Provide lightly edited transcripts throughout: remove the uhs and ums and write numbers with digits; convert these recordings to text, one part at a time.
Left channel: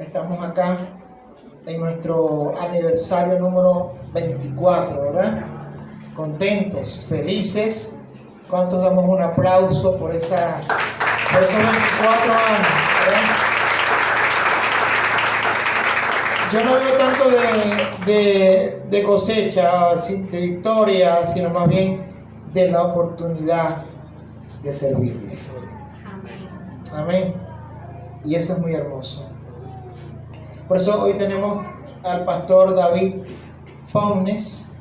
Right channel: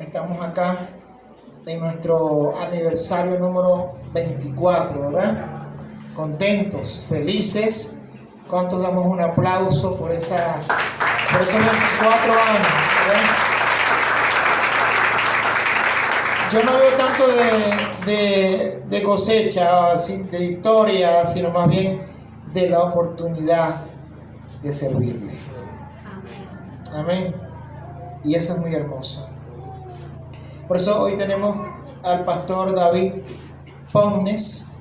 Estamos acá en nuestro aniversario número 24, ¿verdad? Contentos, felices. ¿Cuántos damos un aplauso por esos 24 años, ¿verdad? Yo no veo tanto de cosecha, de victoria, sino más bien de la oportunidad de servirle. Amén. Y eso es muy hermoso. Por eso hoy tenemos al pastor David Pomnes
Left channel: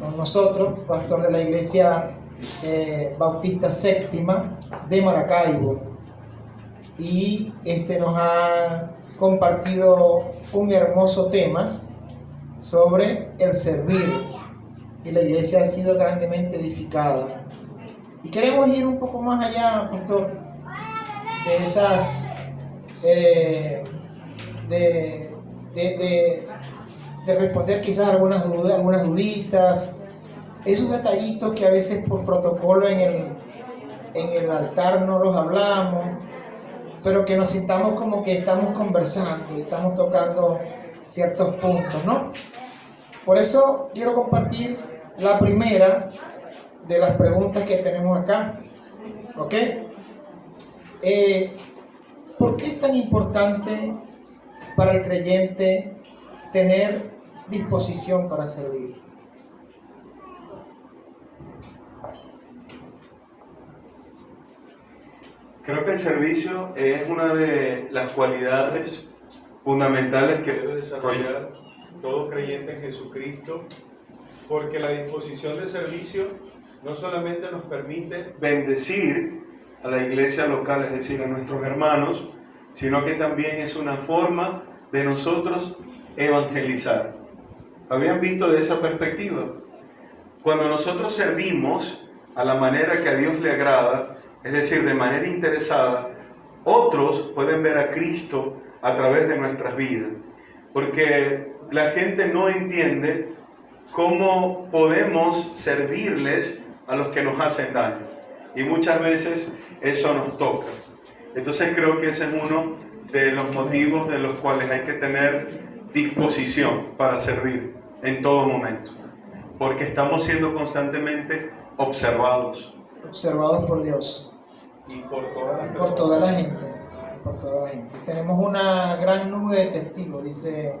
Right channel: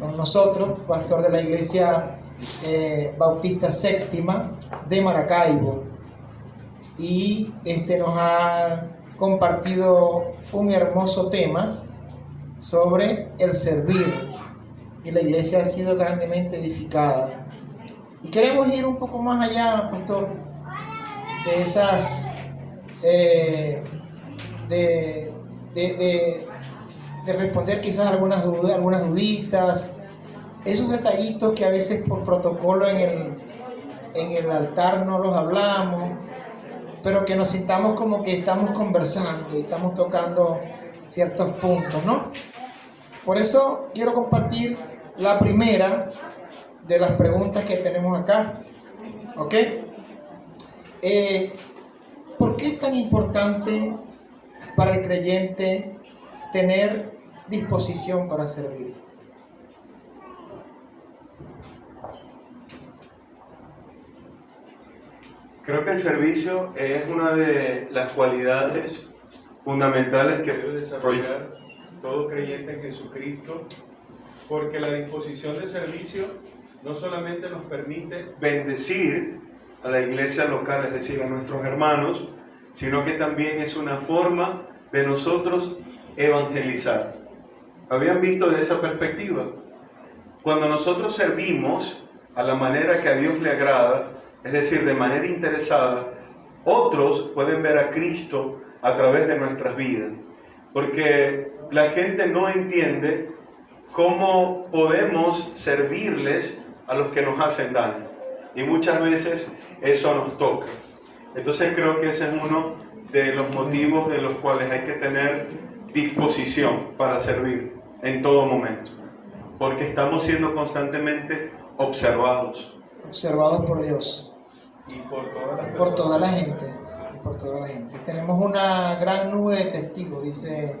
con nosotros, pastor de la iglesia Bautista Séptima de Maracaibo. Y nos ha compartido un hermoso tema sobre el servir. Y la iglesia ha sido grandemente edificada. Y queremos ir un poco más allá, pastor, de esas de responder quizás algunas dudas, algunas duditas, esos detallitos que a veces por protocolo en el altar no los hablamos, pero que nos sintamos como que estamos conversando y estamos tocando ciertos puntos, ¿no? Por eso quiero compartir la primera de las preguntas que tenemos acá, ¿ok? ¿Por qué es tan importante para el creyente tener disposición para servir? Creo que el servicio es una de las cualidades fundamentales que debe desarrollar todo creyente en Jesucristo, porque la disposición de servicio no solamente nos permite bendecir a la iglesia local, es decir, a nuestros hermanos, sino que también es una forma de nosotros evangelizar. ¿Habían visto de esa perspectiva? Cuando nosotros servimos a la manera que a Dios le agrada, es decir, de manera interesada, otros pueden ver a Cristo a través de nuestras vidas. Porque la gente no entiende cómo podemos servirles a los que nos hacen daño. Y muchas veces eso nos toca. Entonces creo que ese es uno de los motivos de los cuales hay que tener disposición para servir en todo momento. Porque estamos siendo constantemente observados. Observados por Dios. Y por todas las personas. Por toda la gente. Por toda la gente. Tenemos una gran nube de testigos, dice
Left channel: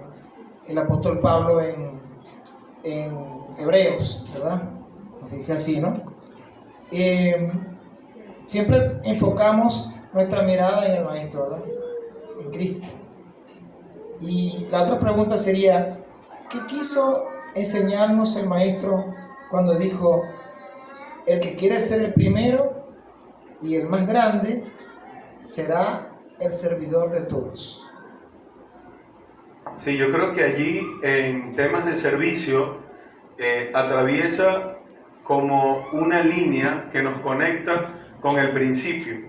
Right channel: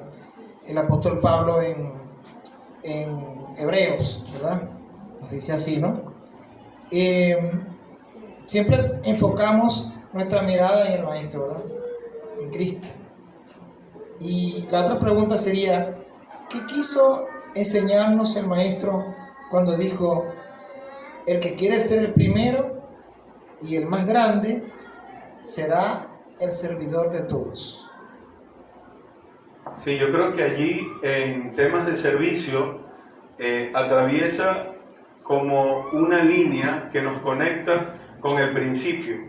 el apóstol Pablo en Hebreos, ¿verdad? Nos dice así, ¿no? Siempre enfocamos nuestra mirada en el Maestro, ¿verdad? En Cristo. Y la otra pregunta sería, ¿qué quiso enseñarnos el Maestro cuando dijo, el que quiere ser el primero y el más grande será el servidor de todos? Sí, yo creo que allí en temas de servicio atraviesa como una línea que nos conecta con el principio.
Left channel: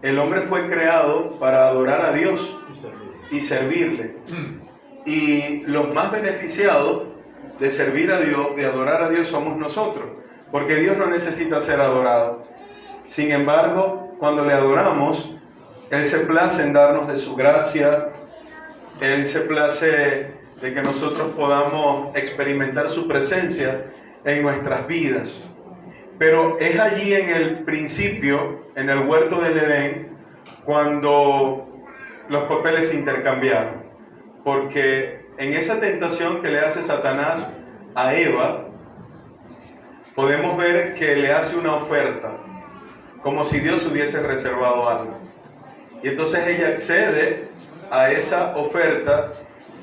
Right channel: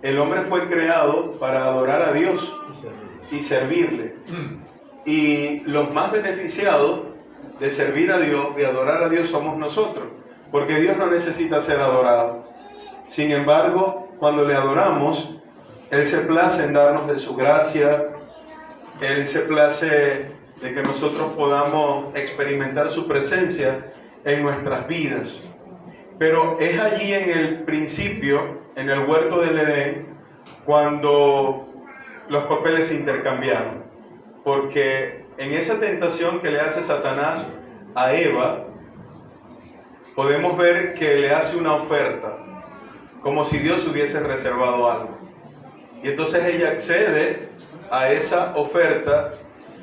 El hombre fue creado para adorar a Dios y servirle. Y los más beneficiados de servir a Dios, de adorar a Dios, somos nosotros, porque Dios no necesita ser adorado. Sin embargo, cuando le adoramos, Él se place en darnos de su gracia, Él se place de que nosotros podamos experimentar su presencia en nuestras vidas. Pero es allí en el principio, en el huerto del Edén, cuando los papeles se intercambiaron. Porque en esa tentación que le hace Satanás a Eva, podemos ver que le hace una oferta, como si Dios hubiese reservado algo. Y entonces ella accede a esa oferta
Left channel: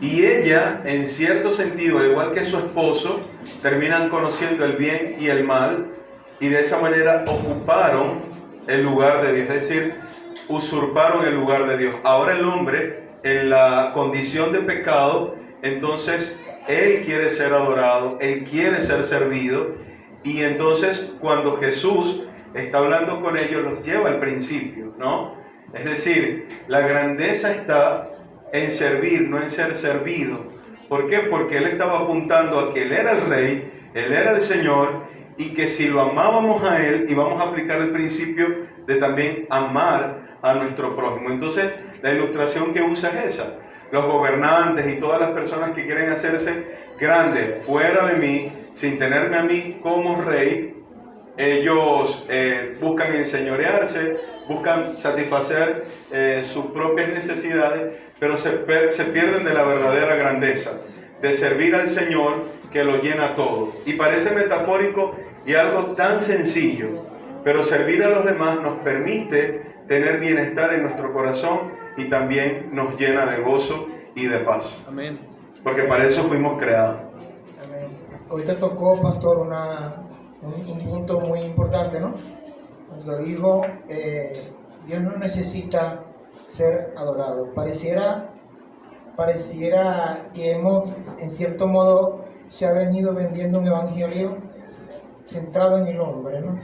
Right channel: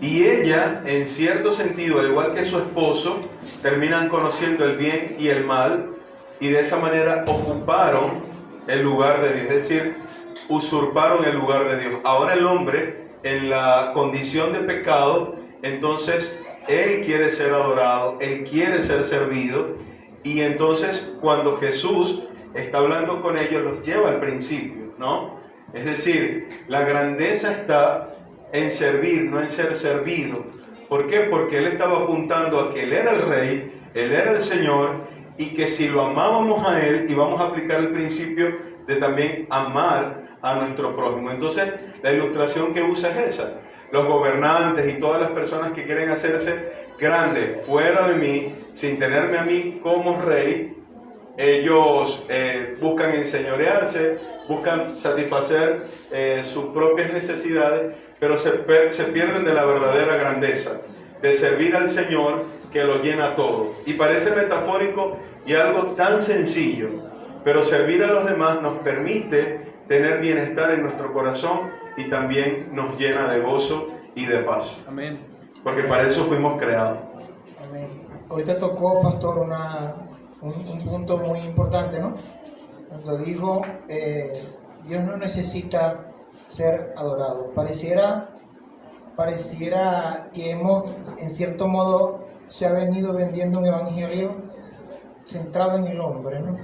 y ella, en cierto sentido, al igual que su esposo, terminan conociendo el bien y el mal y de esa manera ocuparon el lugar de Dios, es decir, usurparon el lugar de Dios. Ahora el hombre, en la condición de pecado, entonces él quiere ser adorado, él quiere ser servido, y entonces cuando Jesús está hablando con ellos, los lleva al principio, ¿no? Es decir, la grandeza está en servir, no en ser servido. ¿Por qué? Porque Él estaba apuntando a que Él era el Rey, Él era el Señor, y que si lo amábamos a Él, íbamos a aplicar el principio de también amar a nuestro prójimo. Entonces, la ilustración que usa es esa. los gobernantes y todas las personas que quieren hacerse grandes fuera de mí, sin tenerme a mí como rey, ellos buscan enseñorearse, buscan satisfacer sus propias necesidades, pero se pierden de la verdadera grandeza, de servir al Señor que lo llena todo. Y parece metafórico y algo tan sencillo, pero servir a los demás nos permite tener bienestar en nuestro corazón y también nos llena de gozo y de paz. Amén. Porque para eso fuimos creados. Amén. Ahorita tocó, pastor, un punto muy importante, ¿no? Cuando dijo, Dios no necesita ser adorado. Pareciera que hemos, en cierto modo, se ha venido vendiendo un evangelio centrado en el hombre, ¿no?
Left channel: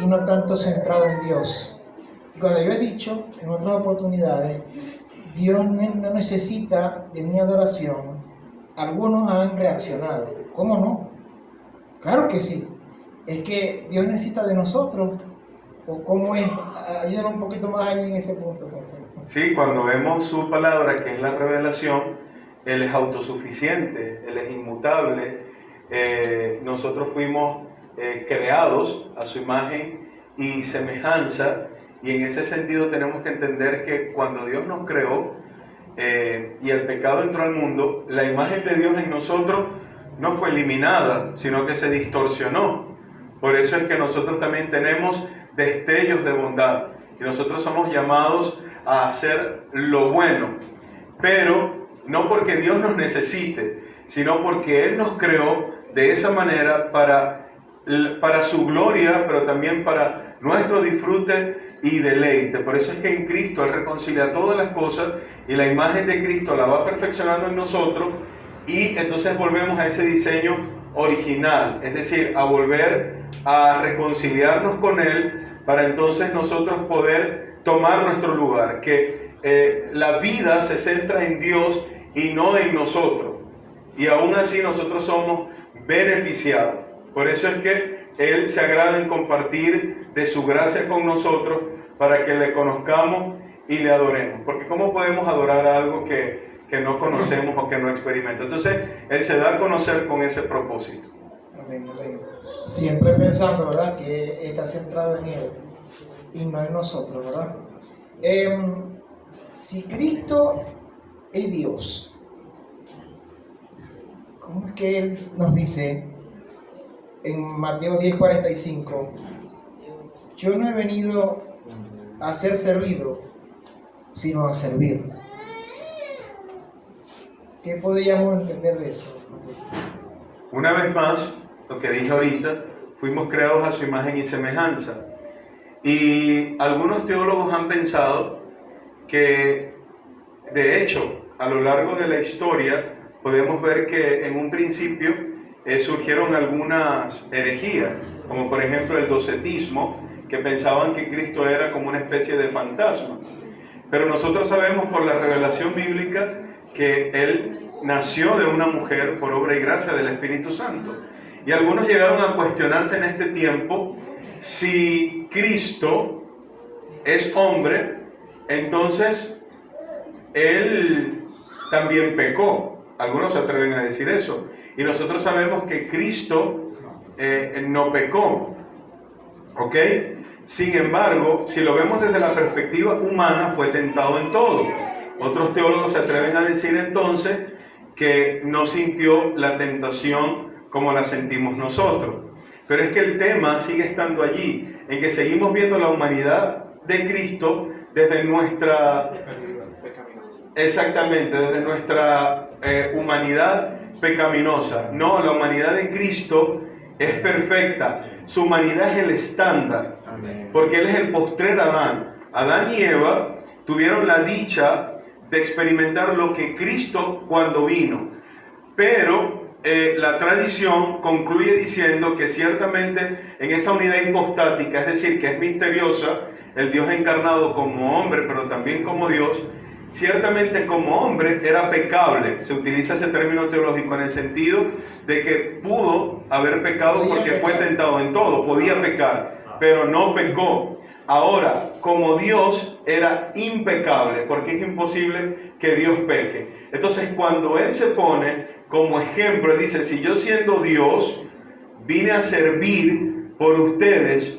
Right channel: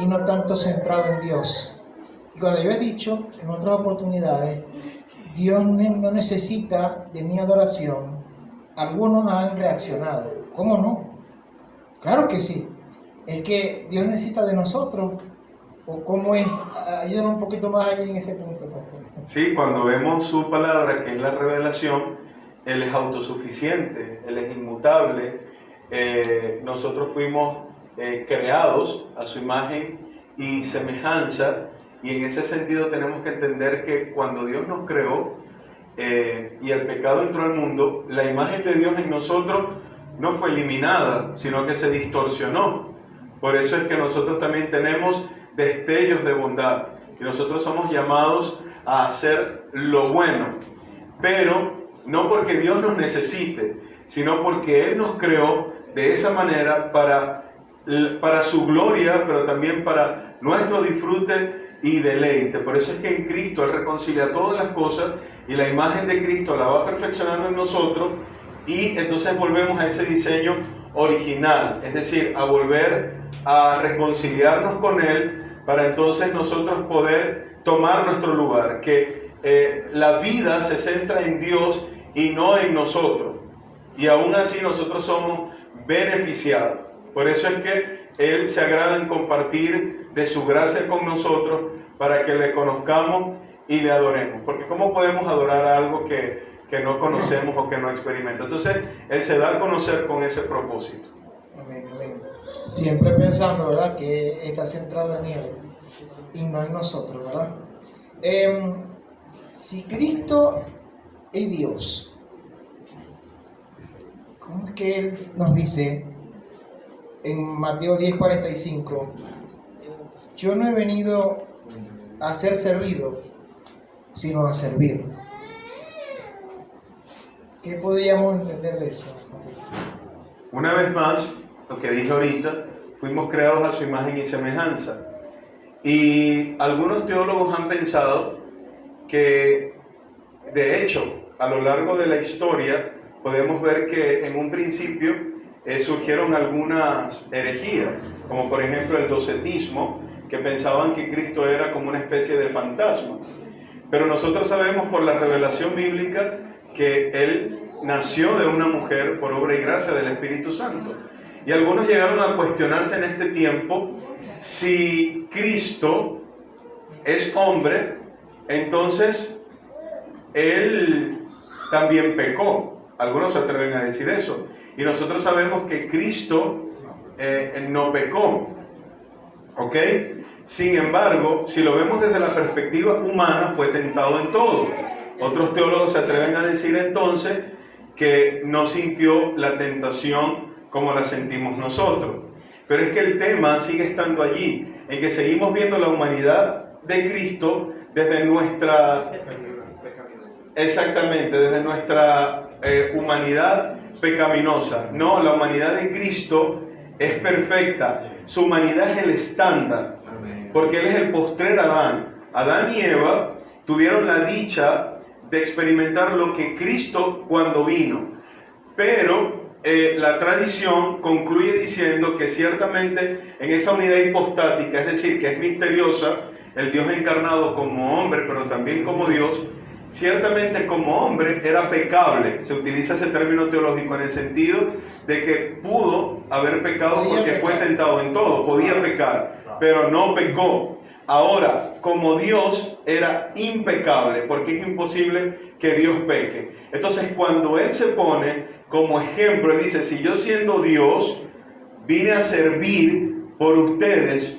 Y no tanto centrado en Dios. Y cuando yo he dicho en otras oportunidades, Dios no necesita de mi adoración, algunos han reaccionado. ¿Cómo no? Claro que sí. Es que Dios necesita de nosotros. ¿O cómo es? Ayúdanos un poquito más ahí en ese punto, pastor. Sí, cuando vemos su palabra, que es la revelación, Él es autosuficiente, Él es inmutable. Nosotros fuimos creados a su imagen y semejanza, y en ese sentido tenemos que entender que cuando Dios nos creó y el pecado entró al mundo, la imagen de Dios en nosotros no fue eliminada, sino que se distorsionó. Por eso es que nosotros también tenemos destellos de bondad y nosotros somos llamados a hacer lo bueno, pero no porque Dios nos necesite, sino porque Él nos creó de esa manera para su gloria, pero también para nuestro disfrute y deleite. Por eso es que en Cristo Él reconcilia todas las cosas y la imagen de Cristo la va perfeccionando en nosotros, y entonces volvemos a ese diseño original, es decir, a volver a reconciliarnos con Él para entonces nosotros poder tomar nuestro lugar, que la vida se centra en Dios y no en nosotros, y aún así nosotros somos beneficiados. Por eso es que Él se agrada en compartir de su gracia con nosotros para que le conozcamos y le adoremos, porque ¿cómo podemos adorar algo que no conocemos o que no experimentamos? Entonces Él se da a conocer con ese propósito. Amén, amén. Siempre pensando, ¿verdad?, que está centrado en Él y no en nosotros, ¿verdad? Si Cristo es Dios, ¿cómo es que Él nos dice en Mateo 10:45, yo no he venido a ser servido, sino a servir? ¿Qué podríamos entender de eso? Una vez más, lo que dije ahorita, fuimos creados a su imagen y semejanza. Y algunos teólogos han pensado que, de hecho, a lo largo de la historia, podemos ver que en un principio surgieron algunas herejías, como por ejemplo el docetismo, que pensaban que Cristo era como una especie de fantasma. Pero nosotros sabemos por la revelación bíblica que Él nació de una mujer por obra y gracia del Espíritu Santo. Y algunos llegaron a cuestionarse en este tiempo si Cristo es hombre, entonces Él también pecó. Algunos se atreven a decir eso. Y nosotros sabemos que Cristo no pecó. ¿Ok? Sin embargo, si lo vemos desde la perspectiva humana, fue tentado en todo. Otros teólogos se atreven a decir entonces que no sintió la tentación como la sentimos nosotros. Pero es que el tema sigue estando allí, en que seguimos viendo la humanidad de Cristo desde nuestra... Exactamente, desde nuestra humanidad pecaminosa. No, la humanidad de Cristo es perfecta. Su humanidad es el estándar, porque Él es el postrer Adán. Adán y Eva tuvieron la dicha de experimentar lo que Cristo cuando vino. Pero la tradición concluye diciendo que ciertamente en esa unidad hipostática, es decir, que es misteriosa, el Dios encarnado como hombre, pero también como Dios, ciertamente como hombre era pecable. Se utiliza ese término teológico en el sentido de que pudo haber pecado porque fue tentado en todo, podía pecar, pero no pecó. Ahora, como Dios era impecable, porque es imposible que Dios peque. Entonces, cuando Él se pone como ejemplo, Él dice, si yo siendo Dios vine a servir por ustedes,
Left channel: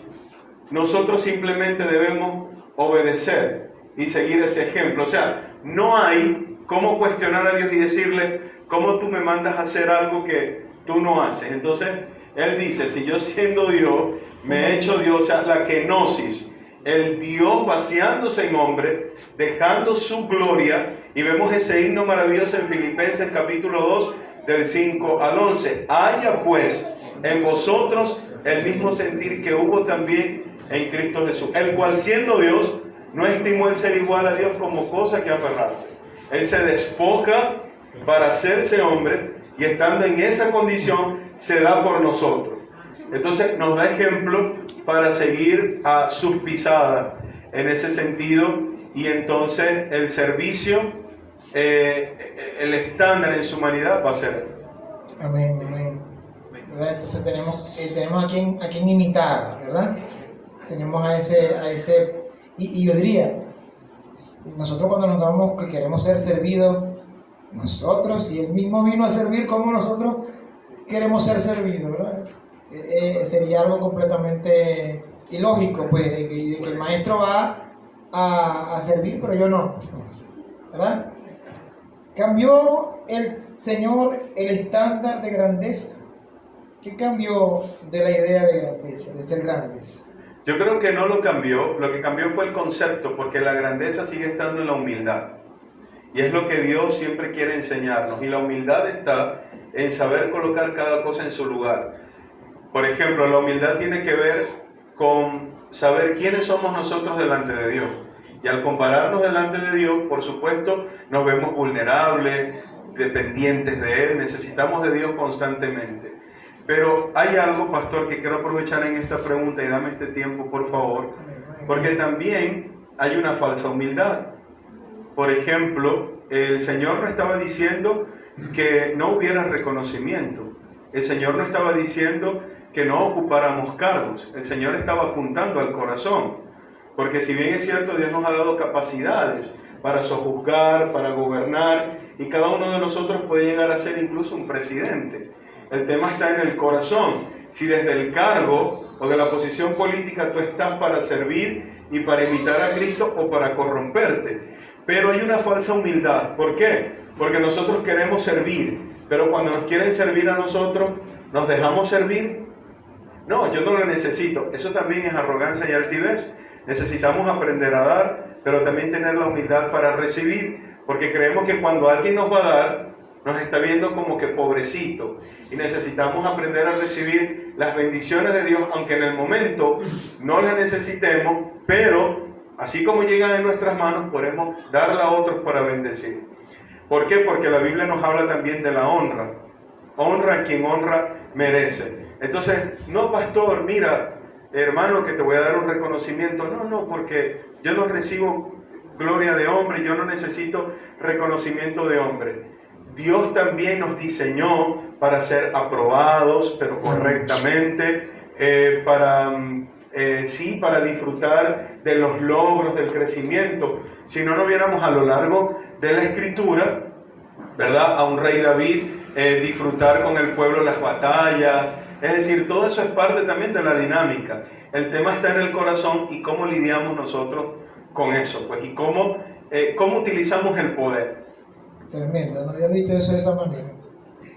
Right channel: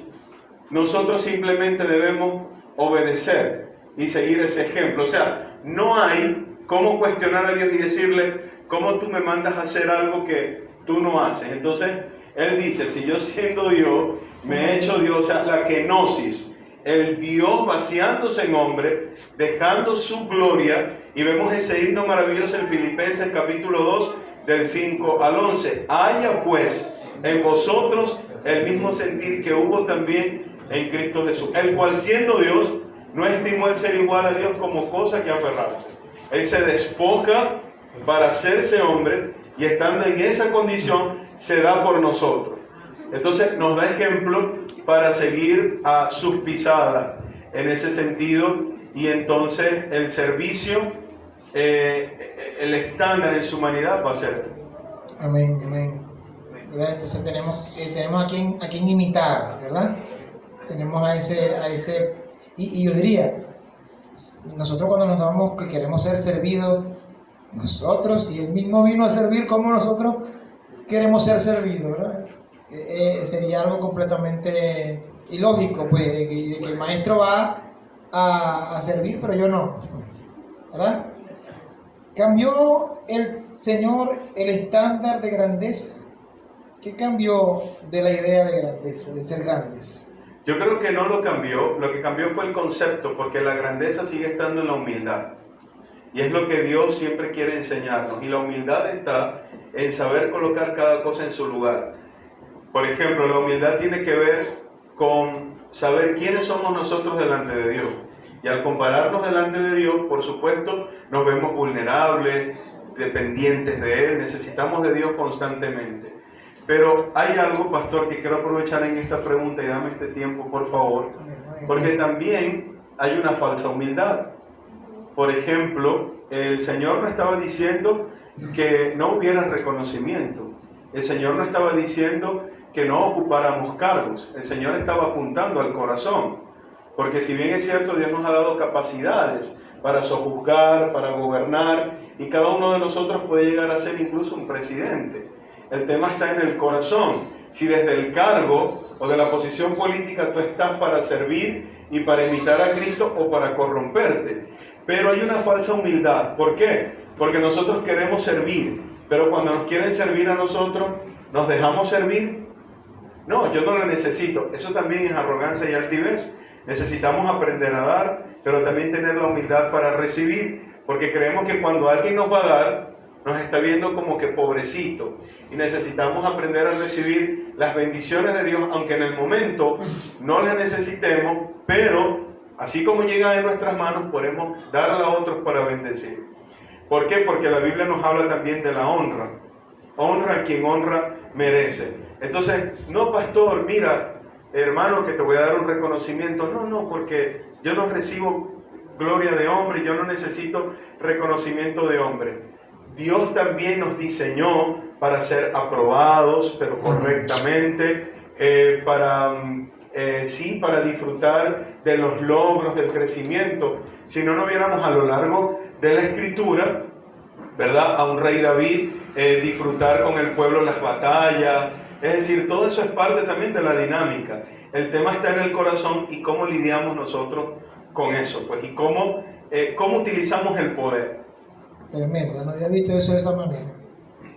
nosotros simplemente debemos obedecer y seguir ese ejemplo. O sea, no hay cómo cuestionar a Dios y decirle, ¿cómo tú me mandas a hacer algo que tú no haces? Entonces, Él dice, si yo siendo Dios, me he hecho Dios, o sea, la kenosis, el Dios vaciándose en hombre, dejando su gloria, y vemos ese himno maravilloso en Filipenses capítulo 2, del 5 al 11. Haya pues en vosotros el mismo sentir que hubo también en Cristo Jesús, el cual siendo Dios, no estimó el ser igual a Dios como cosa que aferrarse. Él se despoja para hacerse hombre, y estando en esa condición, se da por nosotros. Entonces nos da ejemplo para seguir a sus pisadas en ese sentido, y entonces el servicio, el estándar en su humanidad va a ser. Amén, amén. ¿Verdad? Entonces tenemos a quien imitar, ¿verdad? Tenemos a ese y yo diría, nosotros cuando nos damos que queremos ser servidos, nosotros, si Él mismo vino a servir, ¿cómo nosotros queremos ser servidos, verdad? Sería algo completamente ilógico, pues, de que el maestro va a servir, pero yo no, ¿verdad? ¿Cambió el Señor el estándar de grandeza? ¿Qué cambió de la idea de grandeza, de ser grandes? Yo creo que no lo cambió, lo que cambió fue el concepto, porque la grandeza sigue estando en la humildad. Y es lo que Dios siempre quiere enseñarnos. Y la humildad está en saber colocar cada cosa en su lugar. Por ejemplo, la humildad tiene que ver con saber quiénes somos nosotros delante de Dios. Y al compararnos delante de Dios, por supuesto, nos vemos vulnerables, dependientes de Él, necesitamos de Dios constantemente. Pero hay algo, pastor, que quiero aprovechar en esta pregunta, y dame este tiempo, por favor, porque también hay una falsa humildad. Por ejemplo, el Señor no estaba diciendo que no hubiera reconocimiento. El Señor no estaba diciendo que no ocupáramos cargos. El Señor estaba apuntando al corazón. Porque si bien es cierto, Dios nos ha dado capacidades para sojuzgar, para gobernar, y cada uno de nosotros puede llegar a ser incluso un presidente. El tema está en el corazón. Si desde el cargo o de la posición política tú estás para servir y para imitar a Cristo, o para corromperte. Pero hay una falsa humildad. ¿Por qué? Porque nosotros queremos servir, pero cuando nos quieren servir a nosotros, ¿nos dejamos servir? No, yo no lo necesito. Eso también es arrogancia y altivez. Necesitamos aprender a dar, pero también tener la humildad para recibir, porque creemos que cuando alguien nos va a dar, nos está viendo como que pobrecito, y necesitamos aprender a recibir las bendiciones de Dios, aunque en el momento no las necesitemos, pero así como llega en nuestras manos, podemos darla a otros para bendecir. ¿Por qué? Porque la Biblia nos habla también de la honra. Honra a quien honra merece. Entonces, no, pastor, mira, hermano, que te voy a dar un reconocimiento. No, porque yo no recibo gloria de hombre, yo no necesito reconocimiento de hombre. Dios también nos diseñó para ser aprobados, pero correctamente, para disfrutar de los logros, del crecimiento. Si no, no viéramos a lo largo de la Escritura, ¿verdad?, a un rey David disfrutar con el pueblo las batallas. Es decir, todo eso es parte también de la dinámica. El tema está en el corazón y cómo lidiamos nosotros con eso, pues, y cómo utilizamos el poder. Tremendo, no había visto eso de esa manera.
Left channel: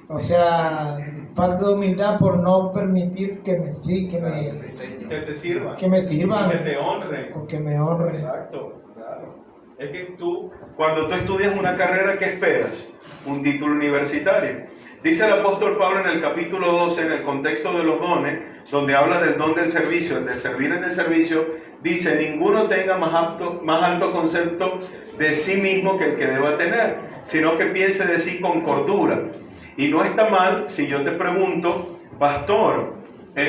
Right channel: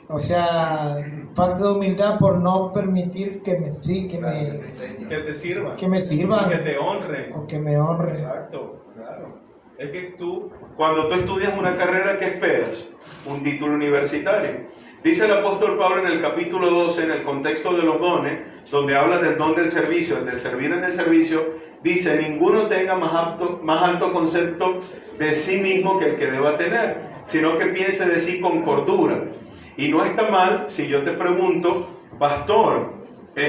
O sea, falta de humildad por no permitir que me sirvan, Que te sirvan, que te honren. O que me honren. Exacto, claro. Es que cuando tú estudias una carrera, ¿qué esperas? Un título universitario. Dice el apóstol Pablo en el capítulo 12, en el contexto de los dones, donde habla del don del servicio, el de servir en el servicio, dice, ninguno tenga más alto concepto de sí mismo que el que deba tener, sino que piense de sí con cordura. Y no está mal si yo te pregunto, pastor,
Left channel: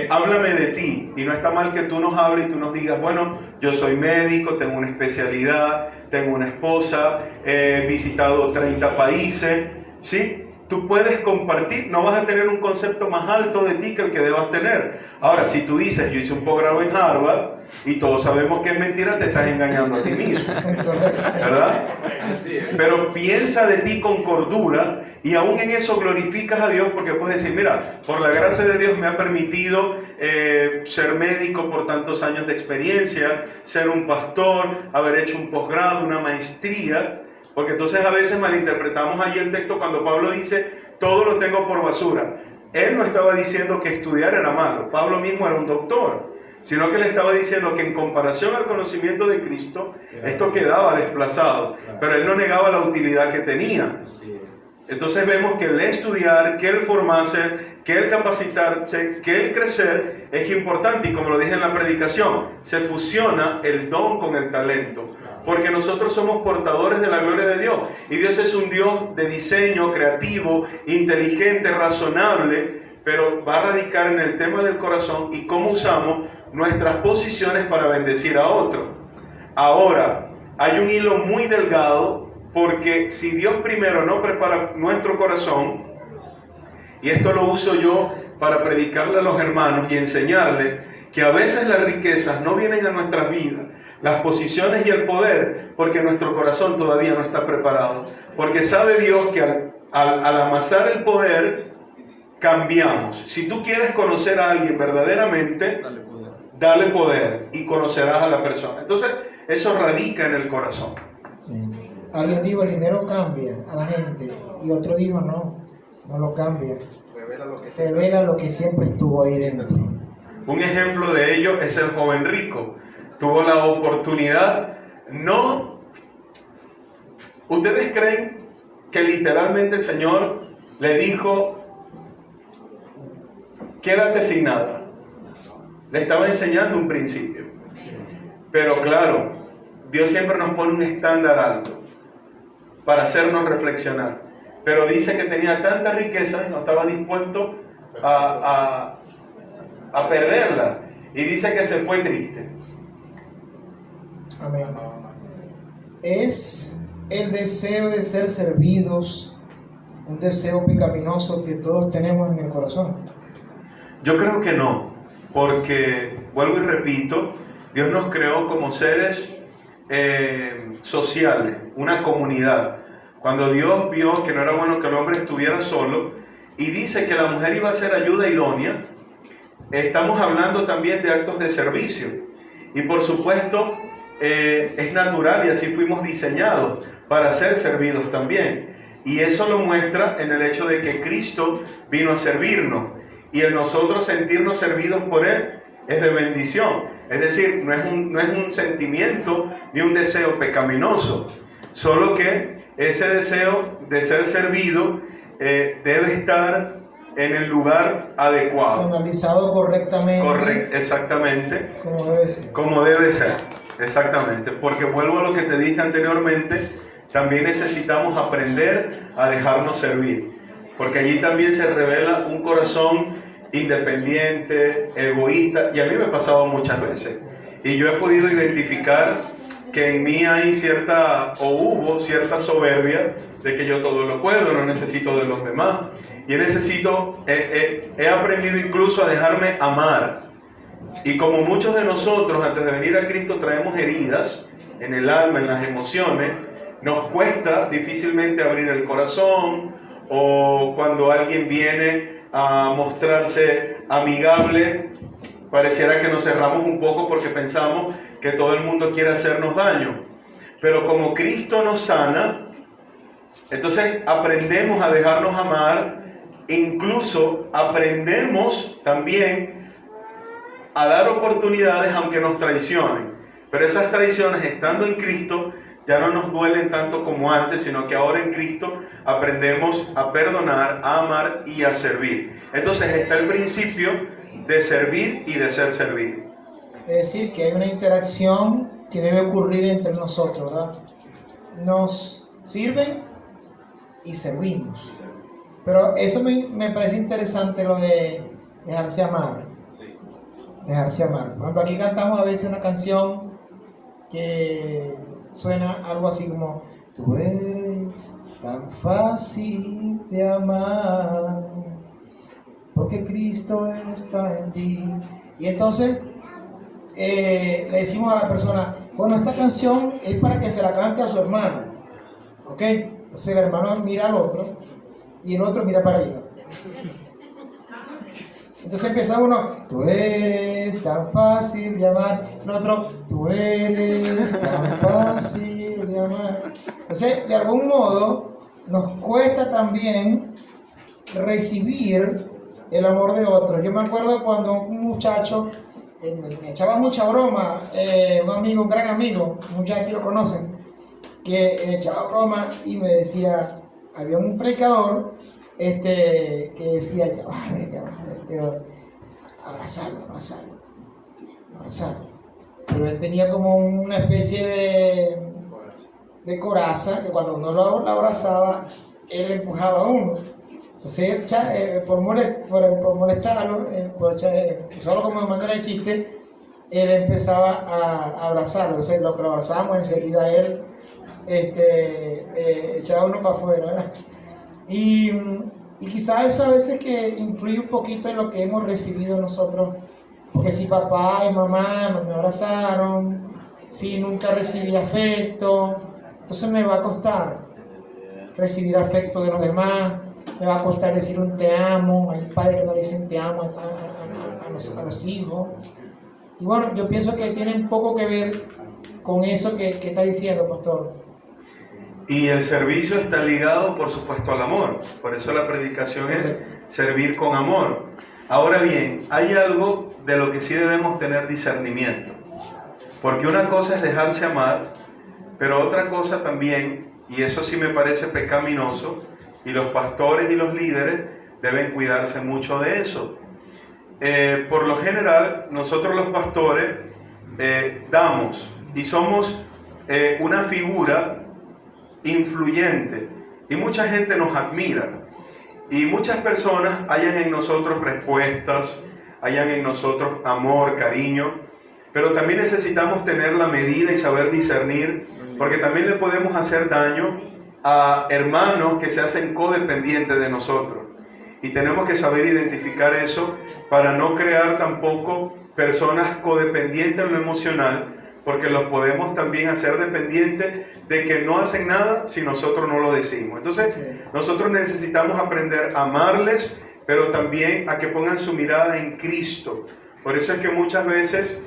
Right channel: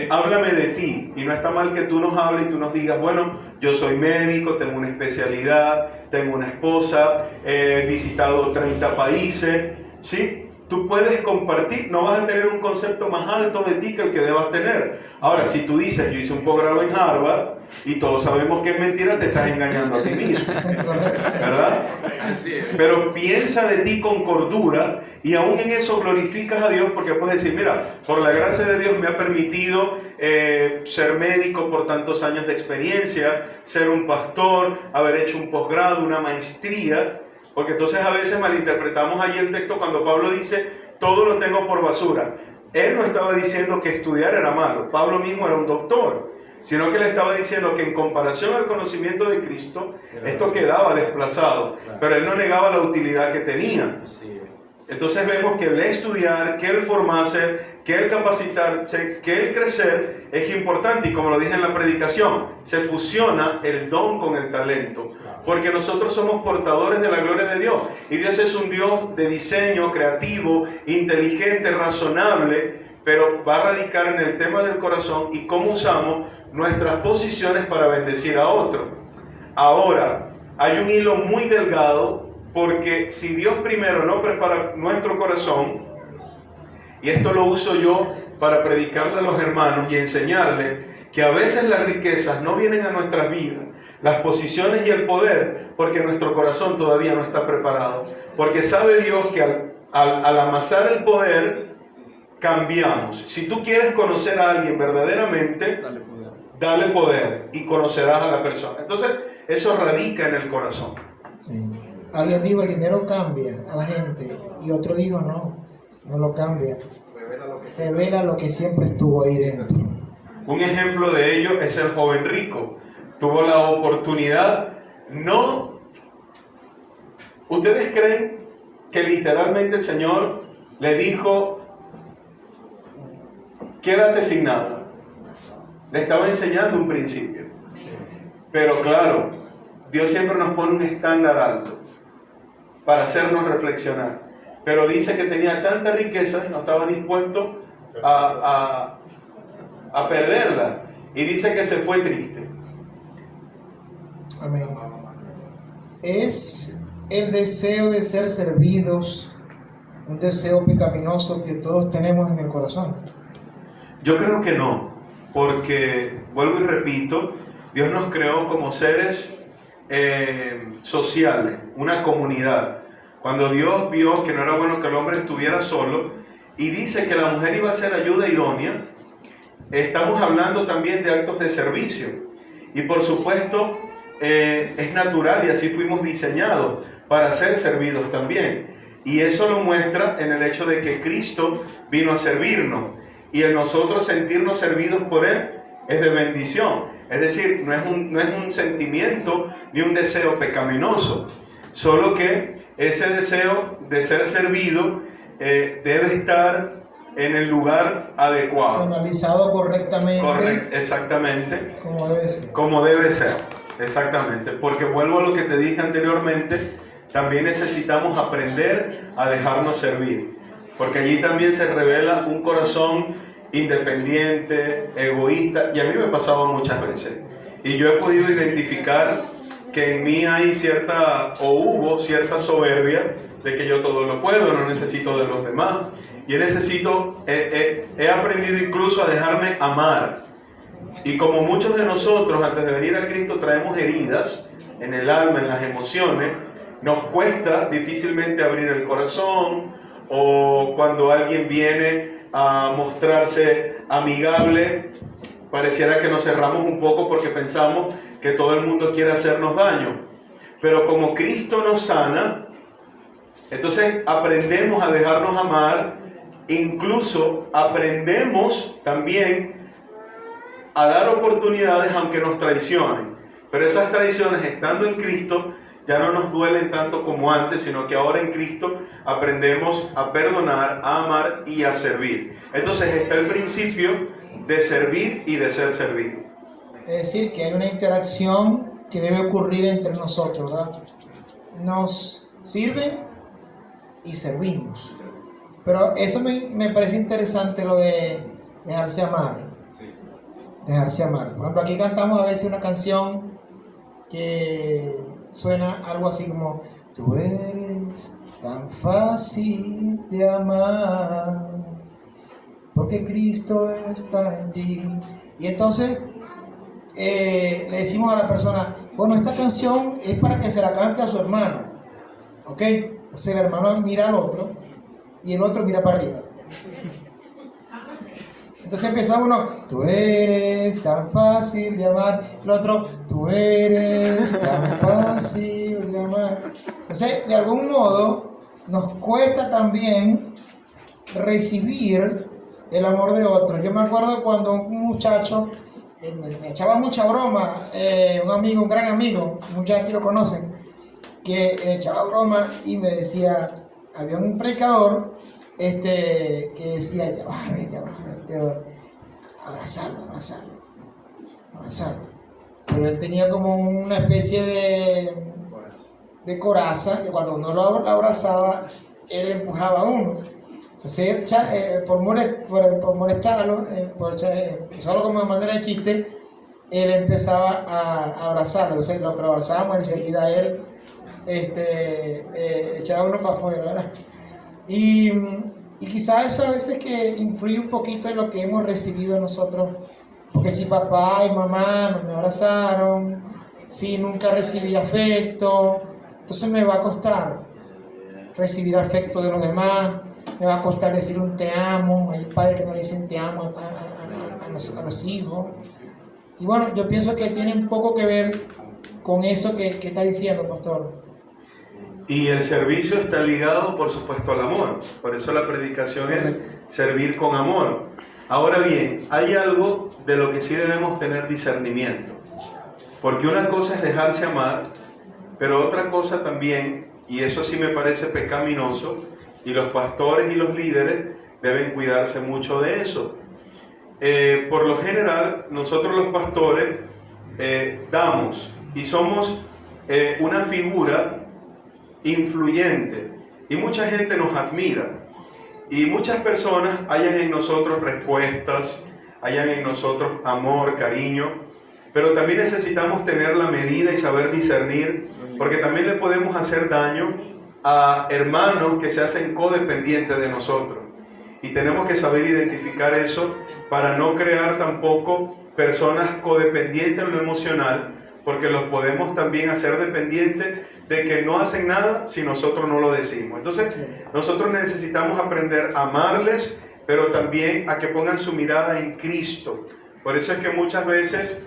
háblame de ti, y no está mal que tú nos hables y tú nos digas, bueno, yo soy médico, tengo una especialidad, tengo una esposa, he visitado 30 países, ¿sí? tú puedes compartir, no vas a tener un concepto más alto de ti que el que debas tener. Ahora, si tú dices, yo hice un posgrado en Harvard y todos sabemos que es mentira, te estás engañando a ti mismo, ¿verdad? Pero piensa de ti con cordura y aún en eso glorificas a Dios, porque puedes decir, mira, por la gracia de Dios me ha permitido ser médico por tantos años de experiencia, ser un pastor, haber hecho un posgrado, una maestría. Porque entonces a veces malinterpretamos allí el texto cuando Pablo dice, todo lo tengo por basura. Él no estaba diciendo que estudiar era malo, Pablo mismo era un doctor, sino que le estaba diciendo que en comparación al conocimiento de Cristo, esto quedaba desplazado, pero él no negaba la utilidad que tenía. Entonces vemos que el estudiar, que el formarse, que el capacitarse, que el crecer es importante, y como lo dije en la predicación, se fusiona el don con el talento. Porque nosotros somos portadores de la gloria de Dios. Y Dios es un Dios de diseño, creativo, inteligente, razonable, pero va a radicar en el tema del corazón y cómo usamos nuestras posiciones para bendecir a otro. Ahora, hay un hilo muy delgado, porque si Dios primero no prepara nuestro corazón, y esto lo uso yo para predicarle a los hermanos y enseñarles que a veces las riquezas no vienen a nuestras vidas, las posiciones y el poder, porque nuestro corazón todavía no está preparado. Porque sabe Dios que al amasar el poder, cambiamos. Si tú quieres conocer a alguien verdaderamente, dale poder y conocerás a la persona. Entonces, eso radica en el corazón. Sí. Alguien dijo, el dinero cambia a la gente, y otro dijo, no lo cambia. Revela lo que siempre estuvo ahí dentro. Un ejemplo de ello es el joven rico. Tuvo la oportunidad, ¿ustedes creen que literalmente el Señor le dijo, quédate sin nada? Le estaba enseñando un principio. Pero claro, Dios siempre nos pone un estándar alto para hacernos reflexionar. Pero dice que tenía tanta riqueza y no estaba dispuesto a perderla. Y dice que se fue triste. Amén. ¿Es el deseo de ser servidos un deseo pecaminoso que todos tenemos en el corazón? Yo creo que no, porque, vuelvo y repito, Dios nos creó como seres sociales, una comunidad. Cuando Dios vio que no era bueno que el hombre estuviera solo, y dice que la mujer iba a ser ayuda idónea, estamos hablando también de actos de servicio. Y por supuesto, es natural y así fuimos diseñados para ser servidos también. Y eso lo muestra en el hecho de que Cristo vino a servirnos. Y el nosotros sentirnos servidos por Él es de bendición. Es decir, no es un sentimiento ni un deseo pecaminoso. Solo que ese deseo de ser servido debe estar en el lugar adecuado. Canalizado correctamente. Exactamente. Como debe ser. Como debe ser, exactamente. Porque vuelvo a lo que te dije anteriormente, también necesitamos aprender a dejarnos servir. Porque allí también se revela un corazón independiente, egoísta, y a mí me ha pasado muchas veces. Y yo he podido identificar que en mí hay hubo cierta soberbia de que yo todo lo puedo, no necesito de los demás. Y he aprendido incluso a dejarme amar. Y como muchos de nosotros antes de venir a Cristo traemos heridas en el alma, en las emociones, nos cuesta difícilmente abrir el corazón, o cuando alguien viene a mostrarse amigable, pareciera que nos cerramos un poco porque pensamos que todo el mundo quiere hacernos daño. Pero como Cristo nos sana, entonces aprendemos a dejarnos amar, incluso aprendemos también a dar oportunidades aunque nos traicionen. Pero esas traiciones, estando en Cristo, ya no nos duelen tanto como antes, sino que ahora en Cristo aprendemos a perdonar, a amar y a servir. Entonces está el principio de servir y de ser servido. Es decir, que hay una interacción que debe ocurrir entre nosotros, ¿verdad? Nos sirven y servimos. Pero eso me parece interesante, lo de dejarse amar. Dejarse amar. Por ejemplo, aquí cantamos a veces una canción que suena algo así como: tú eres tan fácil de amar, porque Cristo está en ti. Y entonces le decimos a la persona, bueno, esta canción es para que se la cante a su hermano, ¿ok? Entonces el hermano mira al otro y el otro mira para arriba. Entonces empieza uno, tú eres tan fácil de amar. El otro, tú eres tan fácil de amar. Entonces, de algún modo, nos cuesta también recibir el amor de otro. Yo me acuerdo cuando un muchacho me echaba mucha broma, un amigo, un gran amigo, muchos aquí lo conocen, que me echaba broma y me decía, había un predicador que decía, ya va a ver, abrazarlo. Pero él tenía como una especie de coraza, que cuando uno lo abrazaba, él empujaba a uno. Entonces, por molestarlo, usarlo como manera de chiste, él empezaba a abrazarlo. Entonces, lo abrazábamos, enseguida él echaba uno para afuera, ¿verdad? Y quizás eso a veces que influye un poquito en lo que hemos recibido nosotros, porque si papá y mamá no me abrazaron, si nunca recibí afecto, entonces me va a costar recibir afecto de los demás, me va a costar decir un te amo, hay padres que no le dicen te amo a los hijos. Y bueno, yo pienso que tiene un poco que ver con eso que está diciendo, pastor. Y el servicio está ligado, por supuesto, al amor. Por eso la predicación es servir con amor. Ahora bien, hay algo de lo que sí debemos tener discernimiento. Porque una cosa es dejarse amar, pero otra cosa también, y eso sí me parece pecaminoso, y los pastores y los líderes deben cuidarse mucho de eso. Por lo general, nosotros los pastores damos y somos una figura influyente y mucha gente nos admira y muchas personas hallan en nosotros respuestas, hallan en nosotros amor, cariño, pero también necesitamos tener la medida y saber discernir, porque también le podemos hacer daño a hermanos que se hacen codependientes de nosotros y tenemos que saber identificar eso para no crear tampoco personas codependientes en lo emocional, porque los podemos también hacer dependientes de que no hacen nada si nosotros no lo decimos. Entonces, nosotros necesitamos aprender a amarles, pero también a que pongan su mirada en Cristo. Por eso es que muchas veces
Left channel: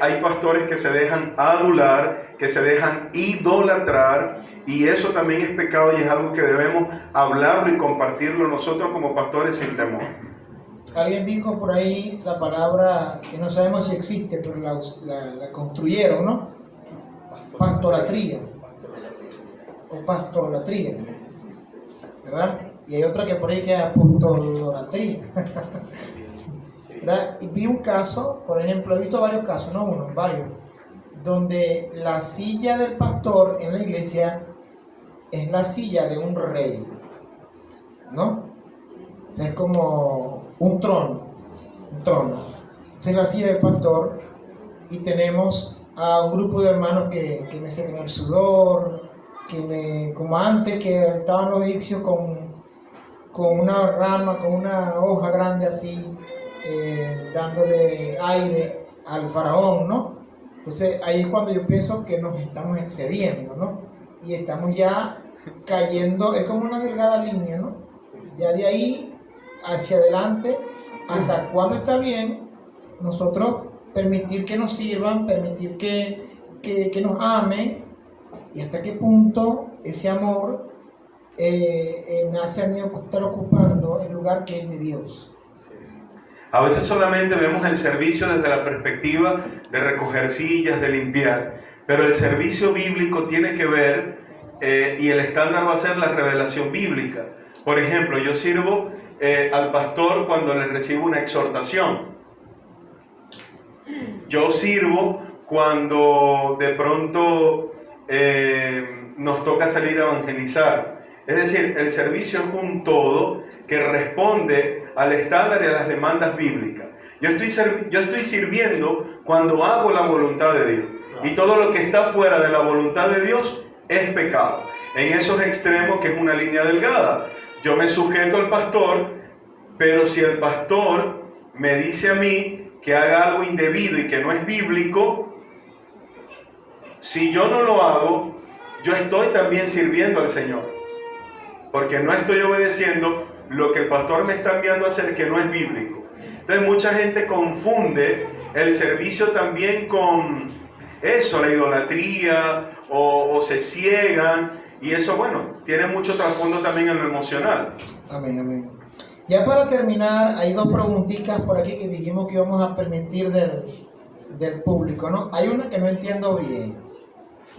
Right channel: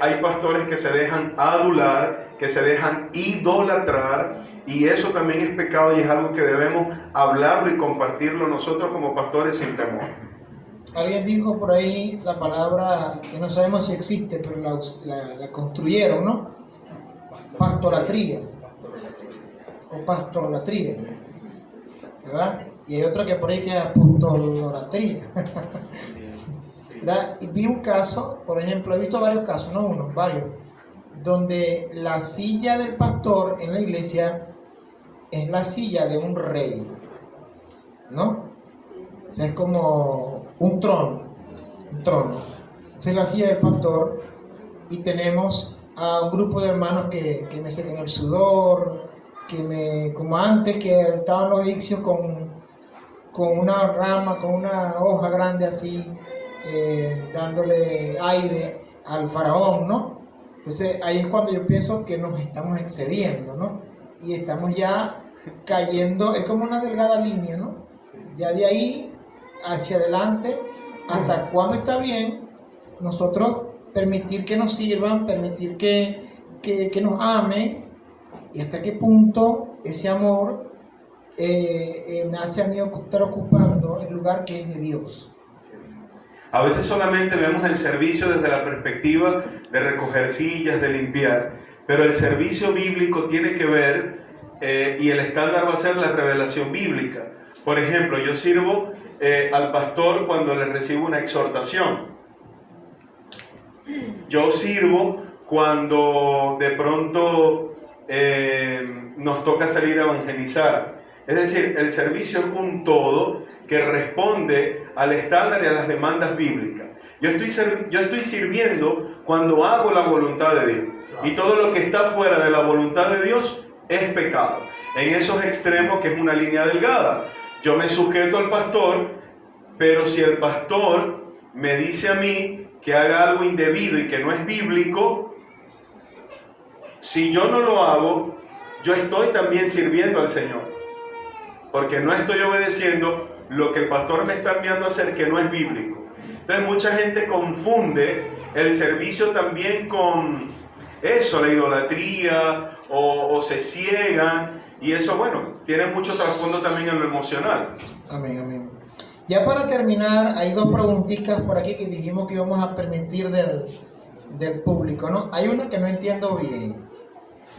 hay pastores que se dejan adular, que se dejan idolatrar, y eso también es pecado y es algo que debemos hablarlo y compartirlo nosotros como pastores sin temor. Alguien dijo por ahí la palabra que no sabemos si existe, pero la construyeron, ¿no? Pastolatría. O pastolatría. ¿Verdad? Y hay otra que por ahí que es apostolatría. ¿Verdad? Y vi un caso, por ejemplo, he visto varios casos, no uno, varios, donde la silla del pastor en la iglesia es la silla de un rey, ¿no? O sea, es como un trono. Esa es la silla del pastor y tenemos a un grupo de hermanos que me secan el sudor, como antes que estaban los egipcios con una rama, con una hoja grande así, dándole aire al faraón, ¿no? Entonces ahí es cuando yo pienso que nos estamos excediendo, ¿no? Y estamos ya cayendo, es como una delgada línea, ¿no? Ya de ahí hacia adelante, hasta cuando está bien, nosotros permitir que nos sirvan, permitir que nos amen, y hasta qué punto ese amor me hace a mí estar ocupando el lugar que es de Dios. A veces solamente vemos el servicio desde la perspectiva de recoger sillas, de limpiar, pero el servicio bíblico tiene que ver, y el estándar va a ser la revelación bíblica. Por ejemplo, yo sirvo al pastor cuando le recibo una exhortación. Yo sirvo cuando de pronto nos toca salir a evangelizar. Es decir, el servicio es un todo que responde al estándar y a las demandas bíblicas. Yo estoy sirviendo cuando hago la voluntad de Dios. Y todo lo que está fuera de la voluntad de Dios es pecado. En esos extremos, que es una línea delgada. Yo me sujeto al pastor, pero si el pastor me dice a mí que haga algo indebido y que no es bíblico, si yo no lo hago, yo estoy también sirviendo al Señor, porque no estoy obedeciendo lo que el pastor me está enviando a hacer, que no es bíblico. Entonces mucha gente confunde el servicio también con eso, la idolatría, o se ciegan, y eso, bueno, tiene mucho trasfondo también en lo emocional. Amén, amén. Ya para terminar, hay dos preguntitas por aquí que dijimos que íbamos a permitir del público, ¿no? Hay una que no entiendo bien.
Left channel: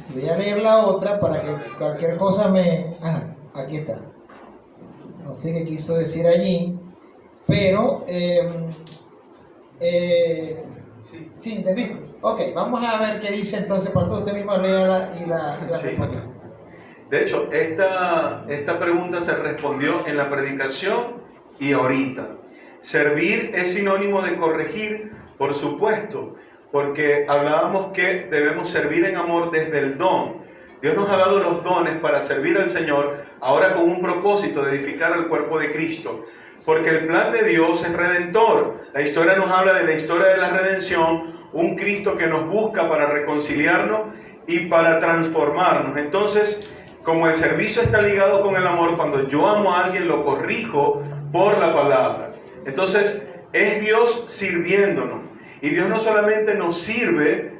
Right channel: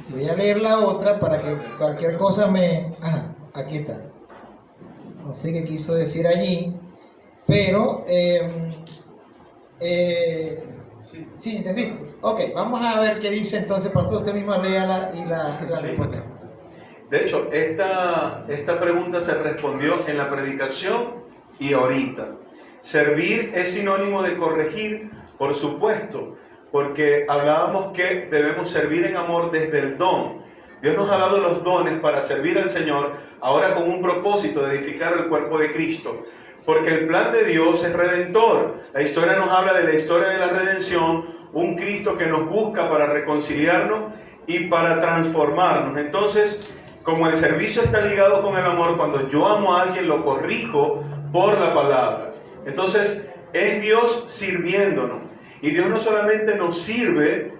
Voy a leer la otra para que cualquier cosa me... Ajá, aquí está. No sé qué quiso decir allí, pero... sí, ¿entendiste? Ok, vamos a ver qué dice entonces, para usted mismo léala y la responda. De hecho, esta pregunta se respondió en la predicación y ahorita. Servir es sinónimo de corregir, por supuesto, porque hablábamos que debemos servir en amor desde el don. Dios nos ha dado los dones para servir al Señor, ahora con un propósito de edificar el cuerpo de Cristo. Porque el plan de Dios es redentor. La historia nos habla de la historia de la redención, un Cristo que nos busca para reconciliarnos y para transformarnos. Entonces, como el servicio está ligado con el amor, cuando yo amo a alguien lo corrijo por la palabra. Entonces, es Dios sirviéndonos. Y Dios no solamente nos sirve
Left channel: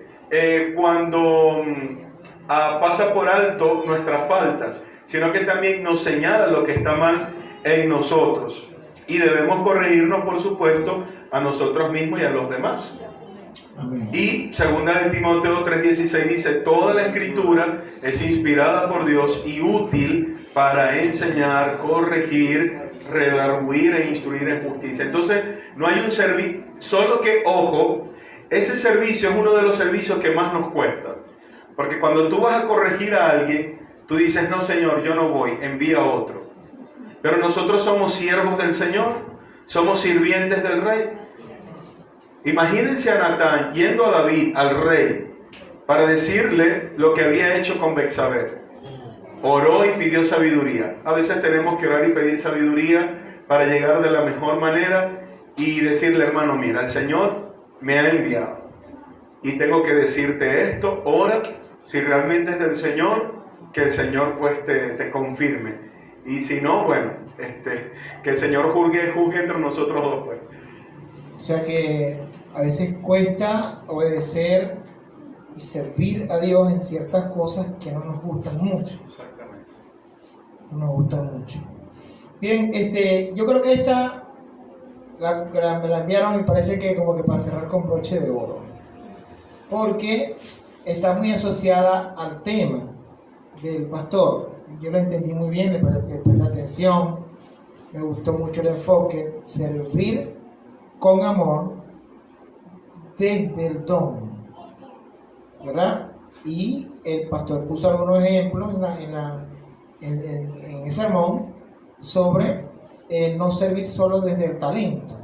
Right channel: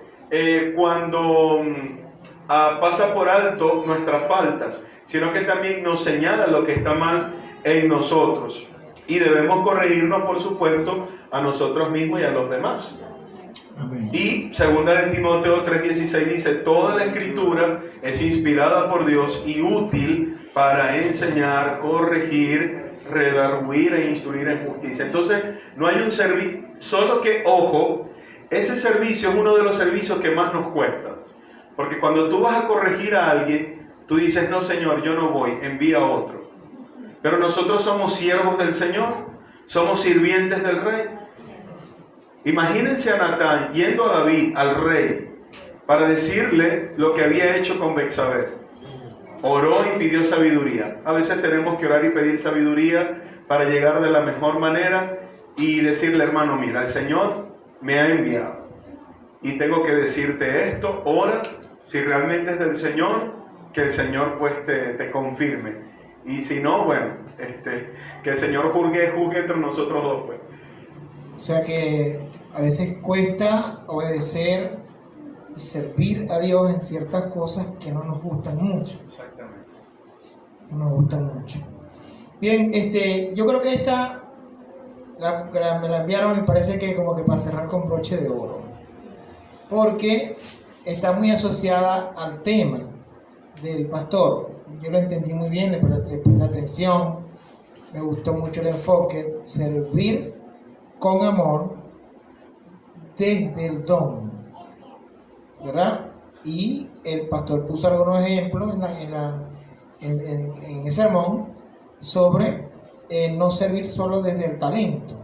cuando pasa por alto nuestras faltas, sino que también nos señala lo que está mal en nosotros. Y debemos corregirnos, por supuesto, a nosotros mismos y a los demás. Amén. Y segunda de Timoteo 3:16 dice: toda la escritura es inspirada por Dios y útil para enseñar, corregir, redarguir e instruir en justicia. Entonces, no hay un servicio, solo que, ojo, ese servicio es uno de los servicios que más nos cuesta. Porque cuando tú vas a corregir a alguien, tú dices: no, Señor, yo no voy, envía a otro. Pero nosotros somos siervos del Señor, somos sirvientes del Rey. Imagínense a Natán yendo a David, al rey, para decirle lo que había hecho con Betsabé. Oró y pidió sabiduría. A veces tenemos que orar y pedir sabiduría para llegar de la mejor manera y decirle: hermano, mira, el Señor me ha enviado y tengo que decirte esto. Ora, si realmente es del Señor, que el Señor pues te confirme. Y si no, bueno, que el Señor juzgue entre nosotros dos, pues. O sea que a veces cuesta obedecer y servir a Dios en ciertas cosas que no nos gustan mucho. Exactamente. No nos gustan mucho. Bien, yo creo que esta me la enviaron, me parece que como que para cerrar con broche de oro. Porque está muy asociada al tema del pastor. Yo lo entendí muy bien, le presté atención, me gustó mucho el enfoque: servir con amor desde el don, ¿verdad? Y el pastor puso algunos ejemplos en el sermón sobre no servir solo desde el talento,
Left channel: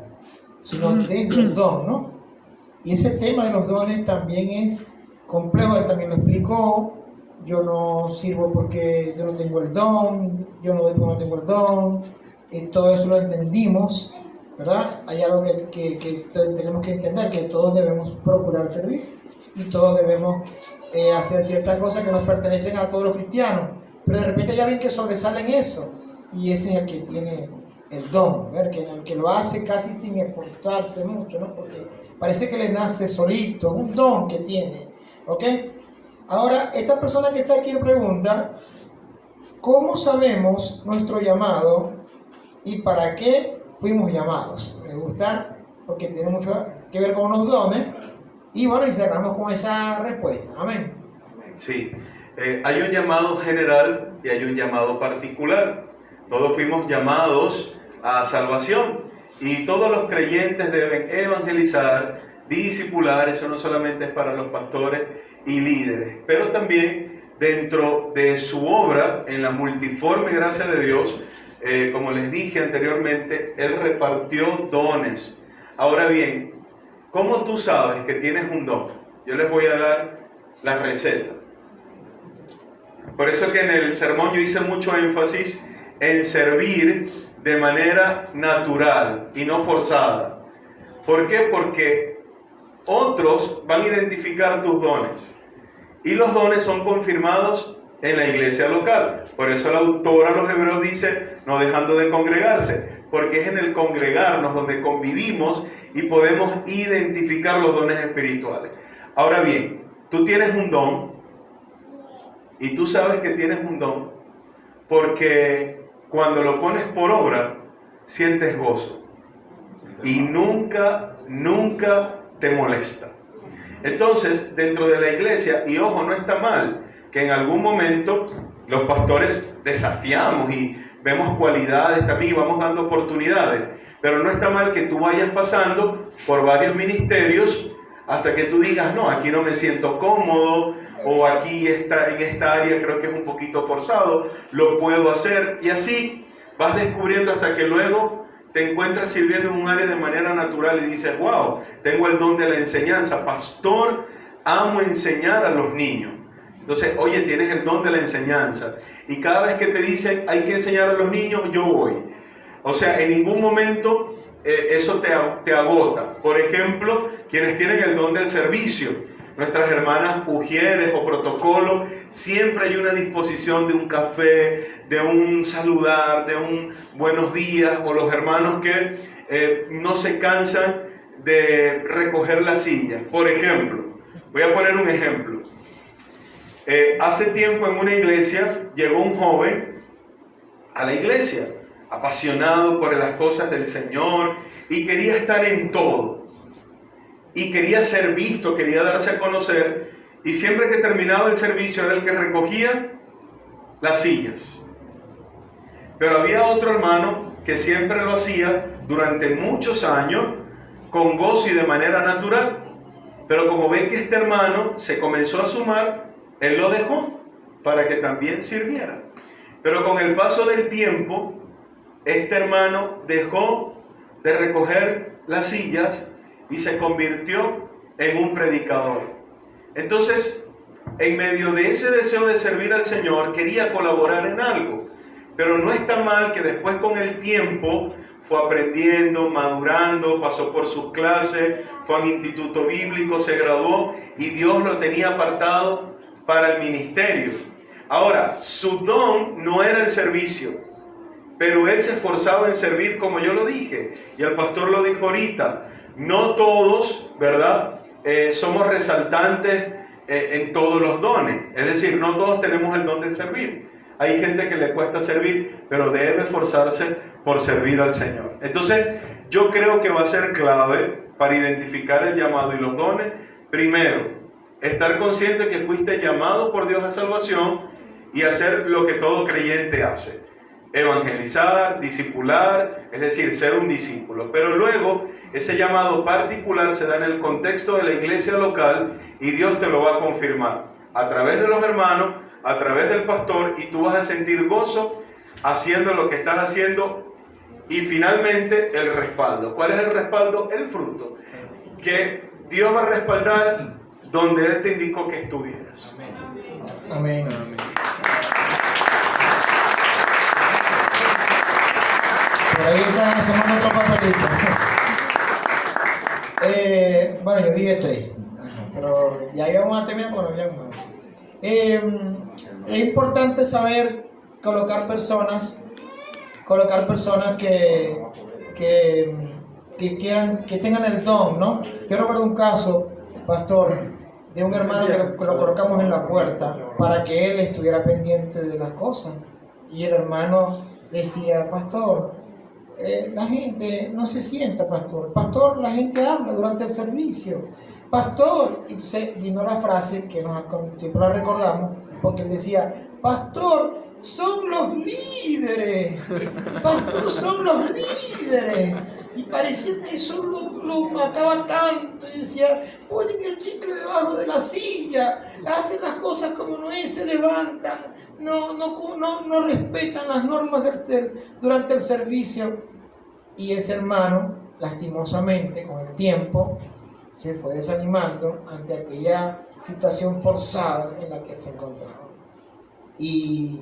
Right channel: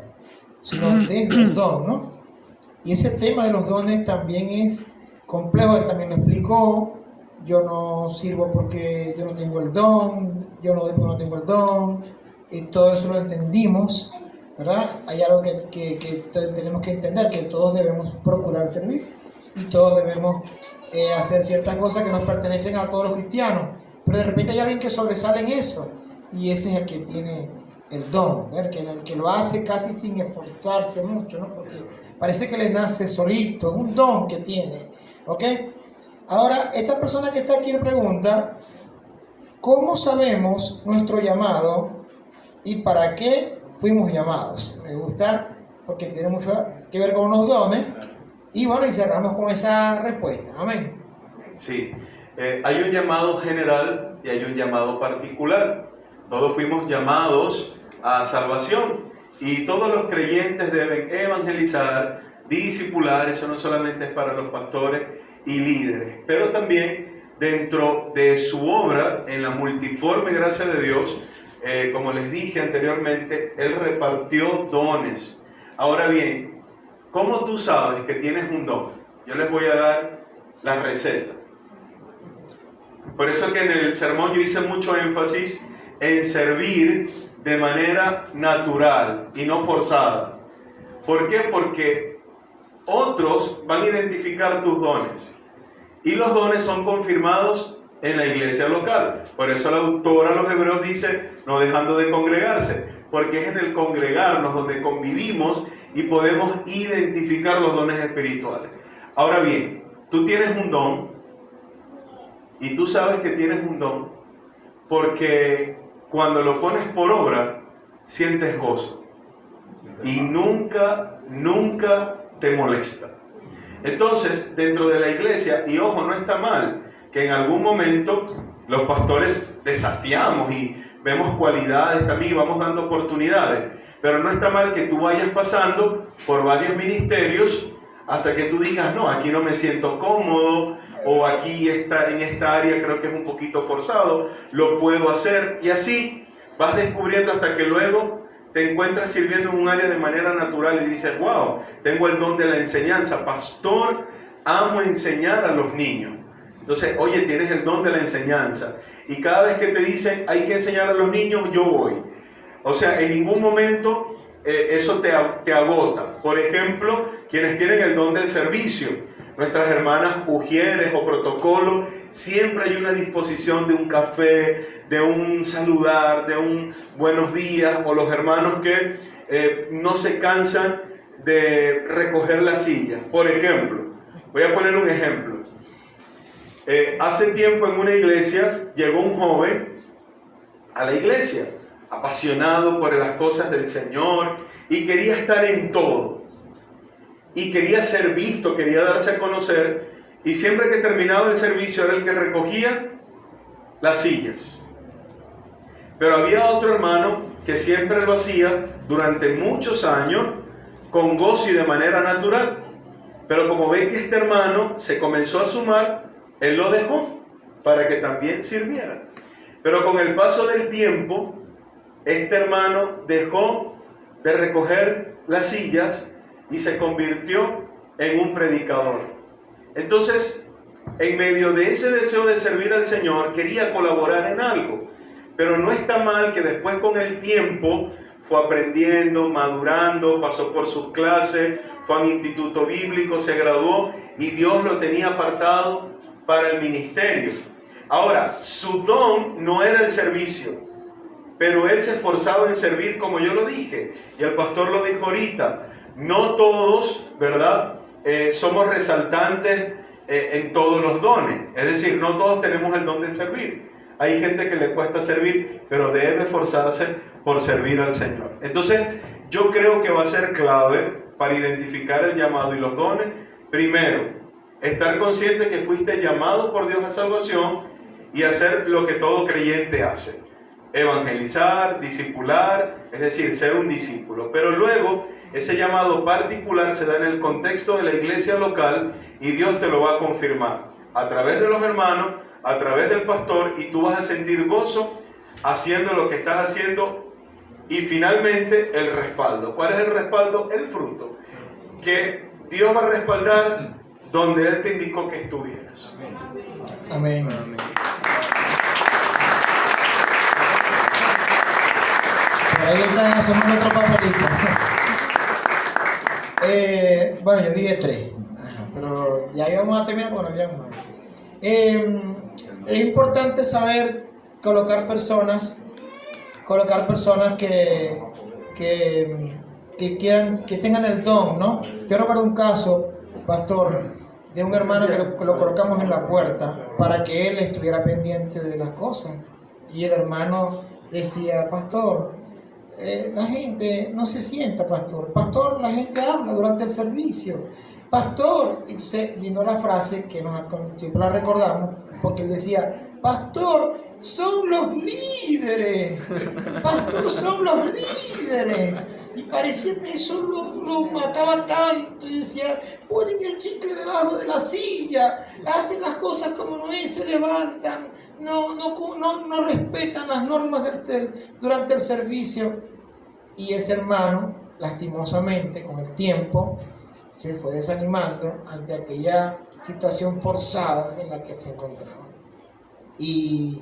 sino desde el don, ¿no? Y ese tema de los dones también es complejo, él también lo explicó. Yo no sirvo porque yo no tengo el don, yo no doy porque no tengo el don, todo eso lo entendimos, ¿verdad? Hay algo que tenemos que entender, que todos debemos procurar servir y todos debemos hacer ciertas cosas que nos pertenecen a todos los cristianos, pero de repente hay alguien que sobresale en eso y ese es el que tiene el don, ¿ver? El que lo hace casi sin esforzarse mucho, ¿no? Porque parece que le nace solito, es un don que tiene, ¿ok? Ahora, esta persona que está aquí le pregunta: ¿cómo sabemos nuestro llamado y para qué fuimos llamados? Me gusta porque tiene mucho que ver con los dones. Y bueno, y cerramos con esa respuesta. Amén. Sí, hay un llamado general y hay un llamado particular. Todos fuimos llamados a salvación y todos los creyentes deben evangelizar, discipular. Eso no solamente es para los pastores y líderes, pero también dentro de su obra, en la multiforme gracia de Dios, como les dije anteriormente, Él repartió dones. Ahora bien, ¿cómo tú sabes que tienes un don? Yo les voy a dar la receta. Por eso que en el sermón yo hice mucho énfasis en servir de manera natural y no forzada. ¿Por qué? Porque otros van a identificar tus dones. Y los dones son confirmados en la iglesia local. Por eso el autor a los Hebreos dice, no dejando de congregarse, porque es en el congregarnos donde convivimos y podemos identificar los dones espirituales. Ahora bien, tú tienes un don, y tú sabes que tienes un don, porque cuando lo pones por obra, sientes gozo. Y nunca te molesta. Entonces, dentro de la iglesia, y ojo, no está mal, que en algún momento los pastores desafiamos y vemos cualidades también y vamos dando oportunidades, pero no está mal que tú vayas pasando por varios ministerios hasta que tú digas, no, aquí no me siento cómodo, o aquí en esta área creo que es un poquito forzado, lo puedo hacer, y así vas descubriendo hasta que luego te encuentras sirviendo en un área de manera natural y dices, wow, tengo el don de la enseñanza, pastor, amo enseñar a los niños. Entonces, oye, tienes el don de la enseñanza. Y cada vez que te dicen, hay que enseñar a los niños, yo voy. O sea, en ningún momento eso te agota. Por ejemplo, quienes tienen el don del servicio, nuestras hermanas ujieres o protocolo, siempre hay una disposición de un café, de un saludar, de un buenos días, o los hermanos que no se cansan de recoger la silla. Por ejemplo, voy a poner un ejemplo. Hace tiempo en una iglesia llegó un joven a la iglesia, apasionado por las cosas del Señor y quería estar en todo. Y quería ser visto, quería darse a conocer, y siempre que terminaba el servicio era el que recogía las sillas. Pero había otro hermano que siempre lo hacía durante muchos años, con gozo y de manera natural. Pero como ve que este hermano se comenzó a sumar, él lo dejó para que también sirviera. Pero con el paso del tiempo, este hermano dejó de recoger las sillas y se convirtió en un predicador. Entonces, en medio de ese deseo de servir al Señor, quería colaborar en algo. Pero no está mal que después con el tiempo fue aprendiendo, madurando, pasó por sus clases, fue a un instituto bíblico, se graduó y Dios lo tenía apartado para el ministerio. Ahora, su don no era el servicio, pero él se esforzaba en servir, como yo lo dije, y el pastor lo dijo ahorita. No todos, ¿verdad? Somos resaltantes en todos los dones. Es decir, no todos tenemos el don de servir. Hay gente que le cuesta servir, pero debe esforzarse por servir al Señor. Entonces, yo creo que va a ser clave para identificar el llamado y los dones. Primero, estar consciente que fuiste llamado por Dios a salvación y hacer lo que todo creyente hace. Evangelizar, discipular, es decir, ser un discípulo. Pero luego, ese llamado particular se da en el contexto de la iglesia local y Dios te lo va a confirmar a través de los hermanos, a través del pastor, y tú vas a sentir gozo haciendo lo que estás haciendo. Y finalmente, el respaldo. ¿Cuál es el respaldo? El fruto. Que Dios va a respaldar donde Él te indicó que estuvieras. Amén. Amén. Por ahí están haciendo otro papelito. Bueno, yo dije 3, pero ya íbamos a terminar. Bueno, ya vamos. Es importante saber colocar personas que tengan el don, ¿no? Yo recuerdo un caso, pastor, de un hermano que lo colocamos en la puerta para que él estuviera pendiente de las cosas. Y el hermano decía, pastor, la gente no se sienta, pastor. Pastor, la gente habla durante el servicio. Pastor, entonces vino la frase que siempre la recordamos, porque él decía, pastor, son los líderes. Pastor, son los líderes. Y parecía que eso lo mataba tanto. Y decía, ponen el chicle debajo de la silla, hacen las cosas como no es, se levantan, no respetan las normas durante el servicio. Y ese hermano, lastimosamente, con el tiempo, se fue desanimando ante aquella situación forzada en la que se encontraba. Y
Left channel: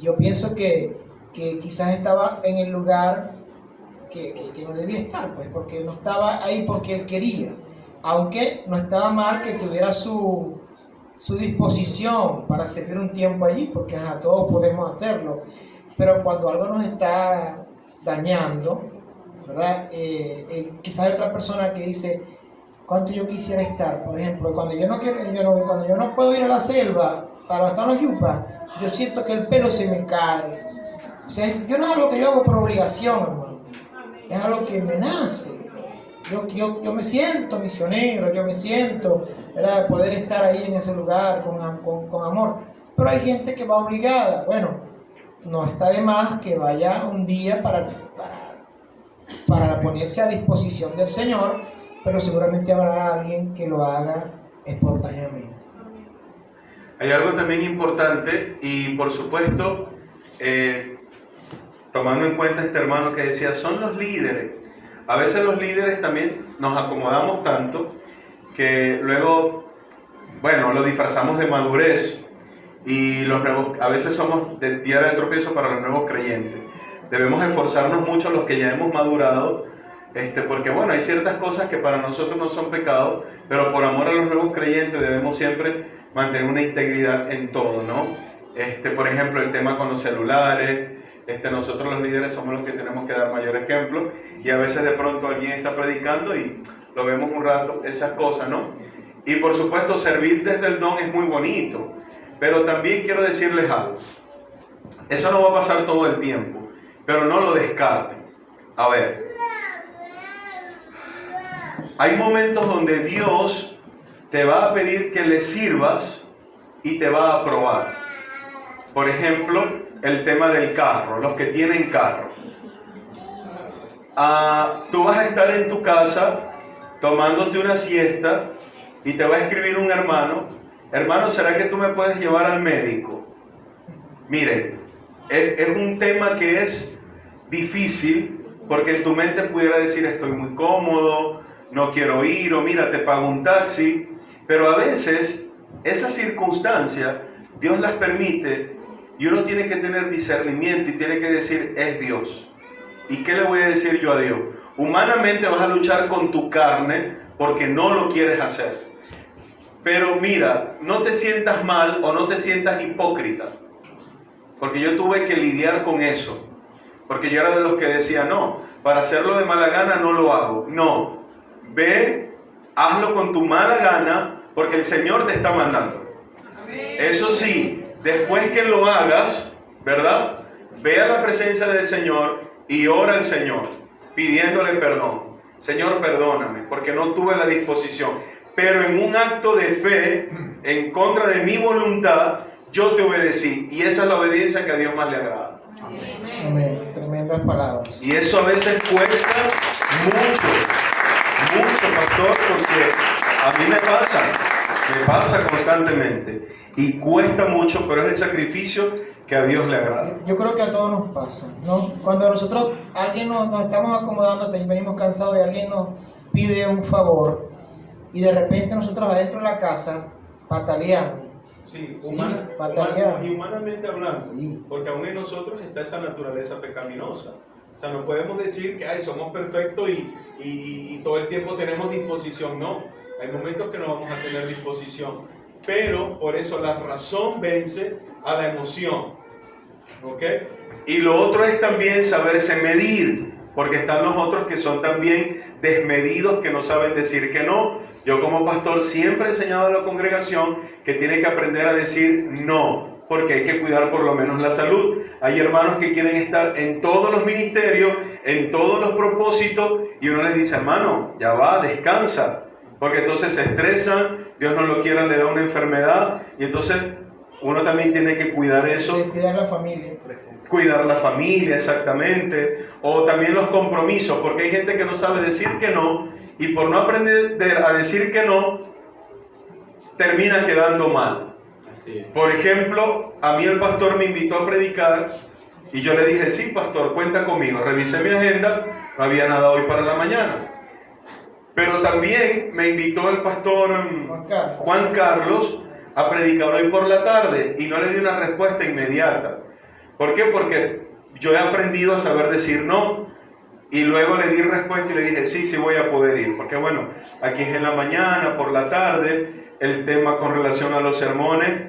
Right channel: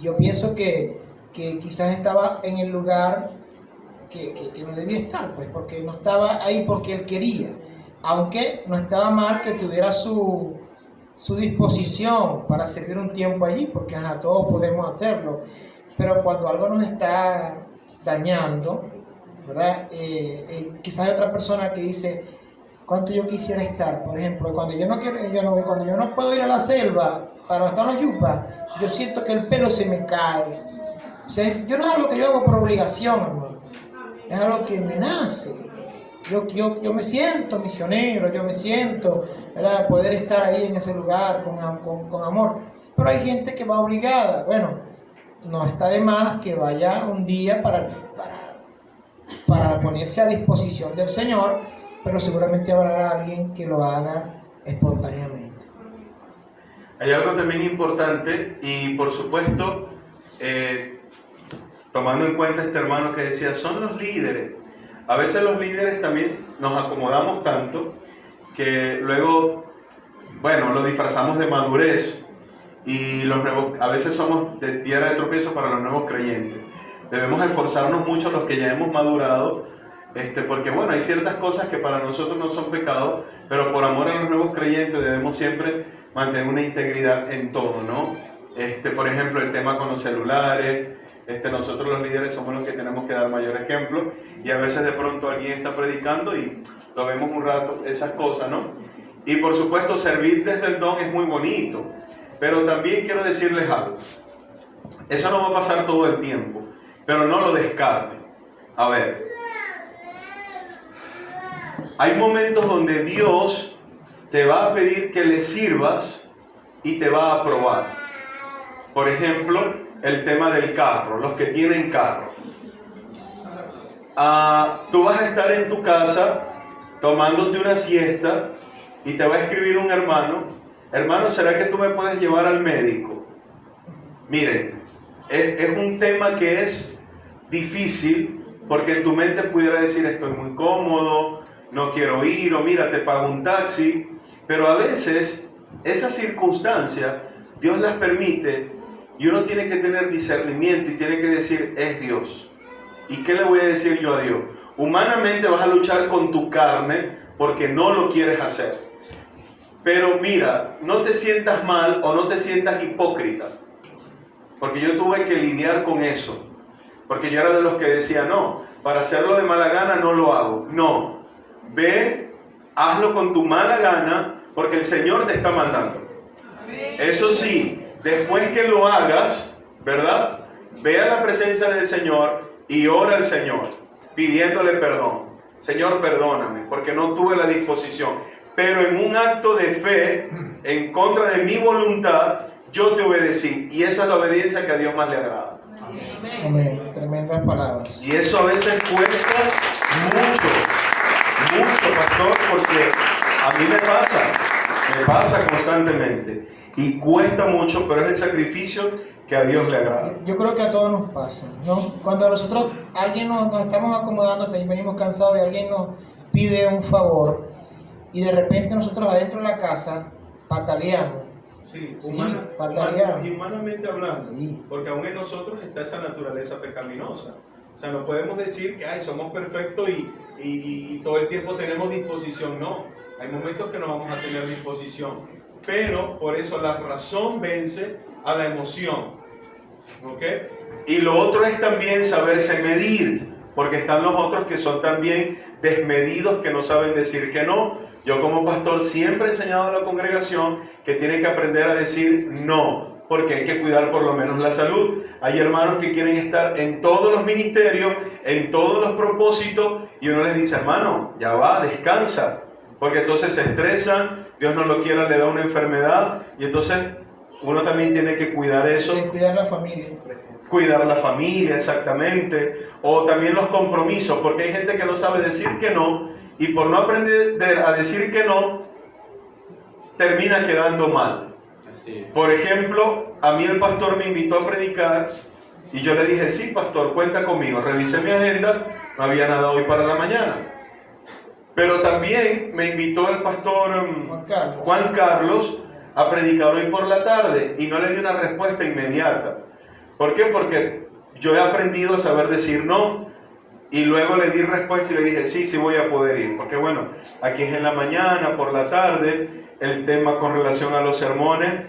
yo pienso que quizás estaba en el lugar que no debía estar, pues, porque no estaba ahí porque él quería, aunque no estaba mal que tuviera su disposición para servir un tiempo allí, porque todos podemos hacerlo, pero cuando algo nos está dañando, ¿verdad? Quizás hay otra persona que dice, ¿cuánto yo quisiera estar? Por ejemplo, cuando yo no quiero, cuando yo no puedo ir a la selva para estar en los yupas, yo siento que el pelo se me cae. O sea, yo no es algo que yo hago por obligación, hermano. Es algo que me nace. Yo me siento misionero, yo me siento, ¿verdad?, poder estar ahí en ese lugar con amor. Pero hay gente que va obligada. Bueno, no está de más que vaya un día para ponerse a disposición del Señor, pero seguramente habrá alguien que lo haga espontáneamente. Hay algo también importante y por supuesto, tomando en cuenta este hermano que decía, son los líderes. A veces los líderes también nos acomodamos tanto que luego, bueno, lo disfrazamos de madurez y los nuevos, a veces somos de piedra de tropiezo para los nuevos creyentes. Debemos esforzarnos mucho los que ya hemos madurado, porque bueno, hay ciertas cosas que para nosotros no son pecados, pero por amor a los nuevos creyentes debemos siempre mantener una integridad en todo, ¿no? Por ejemplo, el tema con los celulares. Nosotros los líderes somos los que tenemos que dar mayor ejemplo y a veces de pronto alguien está predicando y lo vemos un rato, esas cosas, ¿no? Y por supuesto servir desde el don es muy bonito, pero también quiero decirles algo. Eso no va a pasar todo el tiempo, pero no lo descarten. A ver, hay momentos donde Dios te va a pedir que le sirvas y te va a probar. Por ejemplo, el tema del carro, los que tienen carro. Tú vas a estar en tu casa tomándote una siesta y te va a escribir un hermano, ¿será que tú me puedes llevar al médico? Miren, es un tema que es difícil porque en tu mente pudiera decir estoy muy cómodo, no quiero ir, o mira, te pago un taxi, pero a veces esas circunstancias Dios las permite. Y uno tiene que tener discernimiento y tiene que decir, es Dios. ¿Y qué le voy a decir yo a Dios? Humanamente vas a luchar con tu carne porque no lo quieres hacer. Pero mira, no te sientas mal o no te sientas hipócrita. Porque yo tuve que lidiar con eso. Porque yo era de los que decía, no, para hacerlo de mala gana no lo hago. No, ve, hazlo con tu mala gana porque el Señor te está mandando. Eso sí, después que lo hagas, ¿verdad? Ve a la presencia del Señor y ora al Señor, pidiéndole perdón. Señor, perdóname, porque no tuve la disposición. Pero en un acto de fe, en contra de mi voluntad, yo te obedecí. Y esa es la obediencia que a Dios más le agrada. Amén. Tremendas palabras. Y eso a veces cuesta mucho, pastor, porque a mí me pasa constantemente. Y cuesta mucho, pero es el sacrificio que a Dios le agrada. Yo creo que a todos nos pasa, ¿no? Cuando nosotros, alguien nos estamos acomodando, venimos cansados y alguien nos pide un favor y de repente nosotros adentro de la casa pataleamos. Sí, humanamente hablando, sí. Porque aún en nosotros está esa naturaleza pecaminosa. O sea, no podemos decir que somos perfectos y todo el tiempo tenemos disposición. No, hay momentos que no vamos a tener disposición. Pero por eso la razón vence a la emoción. ¿Ok? Y lo otro es también saberse medir, porque están los otros que son también desmedidos, que no saben decir que no. Yo como pastor siempre he enseñado a la congregación que tiene que aprender a decir no, porque hay que cuidar por lo menos la salud. Hay hermanos que quieren estar en todos los ministerios, en todos los propósitos, y uno les dice, hermano, ya va, descansa, porque entonces se estresan, Dios no lo quiera, le da una enfermedad, y entonces uno también tiene que cuidar eso. Cuidar la familia. Cuidar la familia, exactamente. O también los compromisos, porque hay gente que no sabe decir que no, y por no aprender a decir que no, termina quedando mal. Así es. Por ejemplo, a mí el pastor me invitó a predicar, y yo le dije, sí, pastor, cuenta conmigo. Revisé mi agenda, no había nada hoy para la mañana. Pero también me invitó el pastor Juan Carlos a predicar hoy por la tarde, y no le di una respuesta inmediata. ¿Por qué? Porque yo he aprendido a saber decir no, y luego le di respuesta y le dije, sí, sí voy a poder ir, porque bueno, aquí es en la mañana, por la tarde, el tema con relación a los sermones,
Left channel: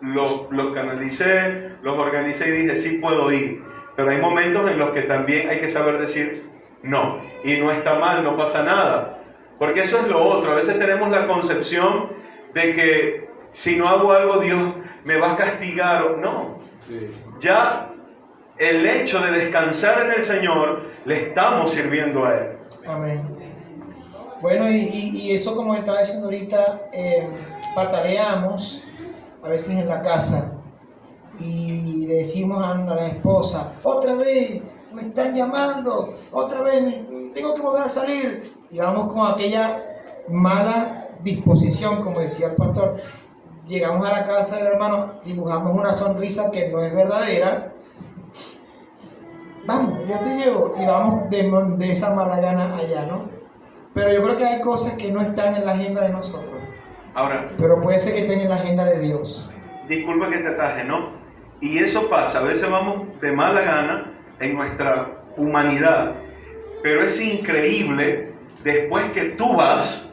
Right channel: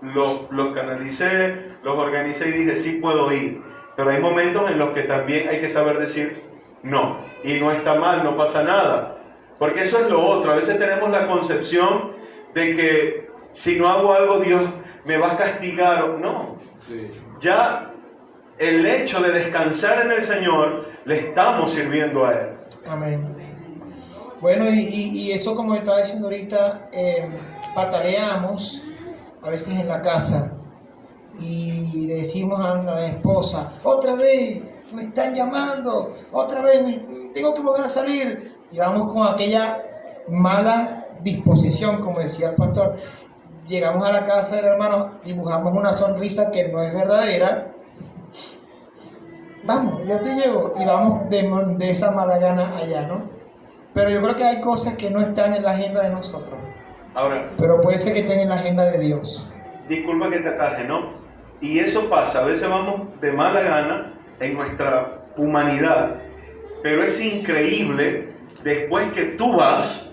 los canalicé, los organicé y dije, sí puedo ir, pero hay momentos en los que también hay que saber decir no, y no está mal, no pasa nada, porque eso es lo otro. A veces tenemos la concepción de que si no hago algo Dios me va a castigar, o no, ya el hecho de descansar en el Señor le estamos sirviendo a Él. Amén. Bueno, y eso, como estaba diciendo ahorita, pataleamos a veces en la casa y le decimos a la esposa, otra vez me están llamando, otra vez tengo que volver a salir, y vamos con aquella mala disposición, como decía el pastor. Llegamos a la casa del hermano, dibujamos una sonrisa que no es verdadera. Vamos, yo te llevo, y vamos de esa mala gana allá, ¿no? Pero yo creo que hay cosas que no están en la agenda de nosotros. Ahora, Pero puede ser que estén en la agenda de Dios. disculpa que te ataje, ¿no? Y eso pasa, a veces vamos de mala gana en nuestra humanidad, pero es increíble, después que tú vas,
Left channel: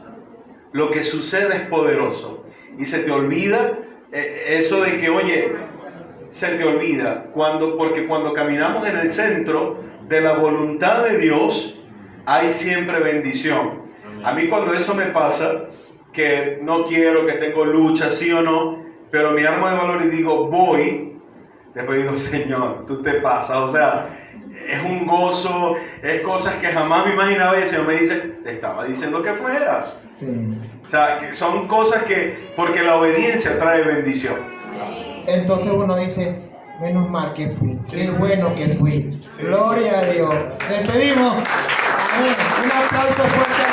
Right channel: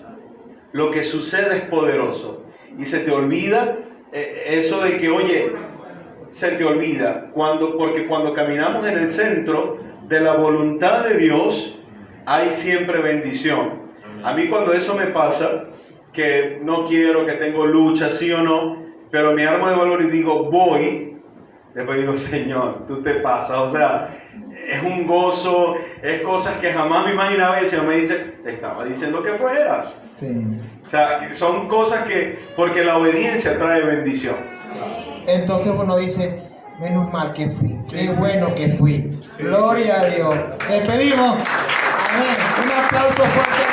lo que sucede es poderoso. Y se te olvida eso de que, oye, se te olvida, porque cuando caminamos en el centro de la voluntad de Dios, hay siempre bendición. A mí cuando eso me pasa, que no quiero, que tengo lucha, sí o no, pero me armo de valor y digo, voy, después digo, Señor, tú te pasas, o sea, es un gozo, es cosas que jamás me imaginaba, y el Señor me dice, te estaba diciendo que fueras. Sí. O sea, son cosas porque la obediencia trae bendición. Entonces uno dice, menos mal que fui, Sí. qué bueno que fui. Sí. Gloria a Dios. Despedimos. Amén. Un aplauso fuerte.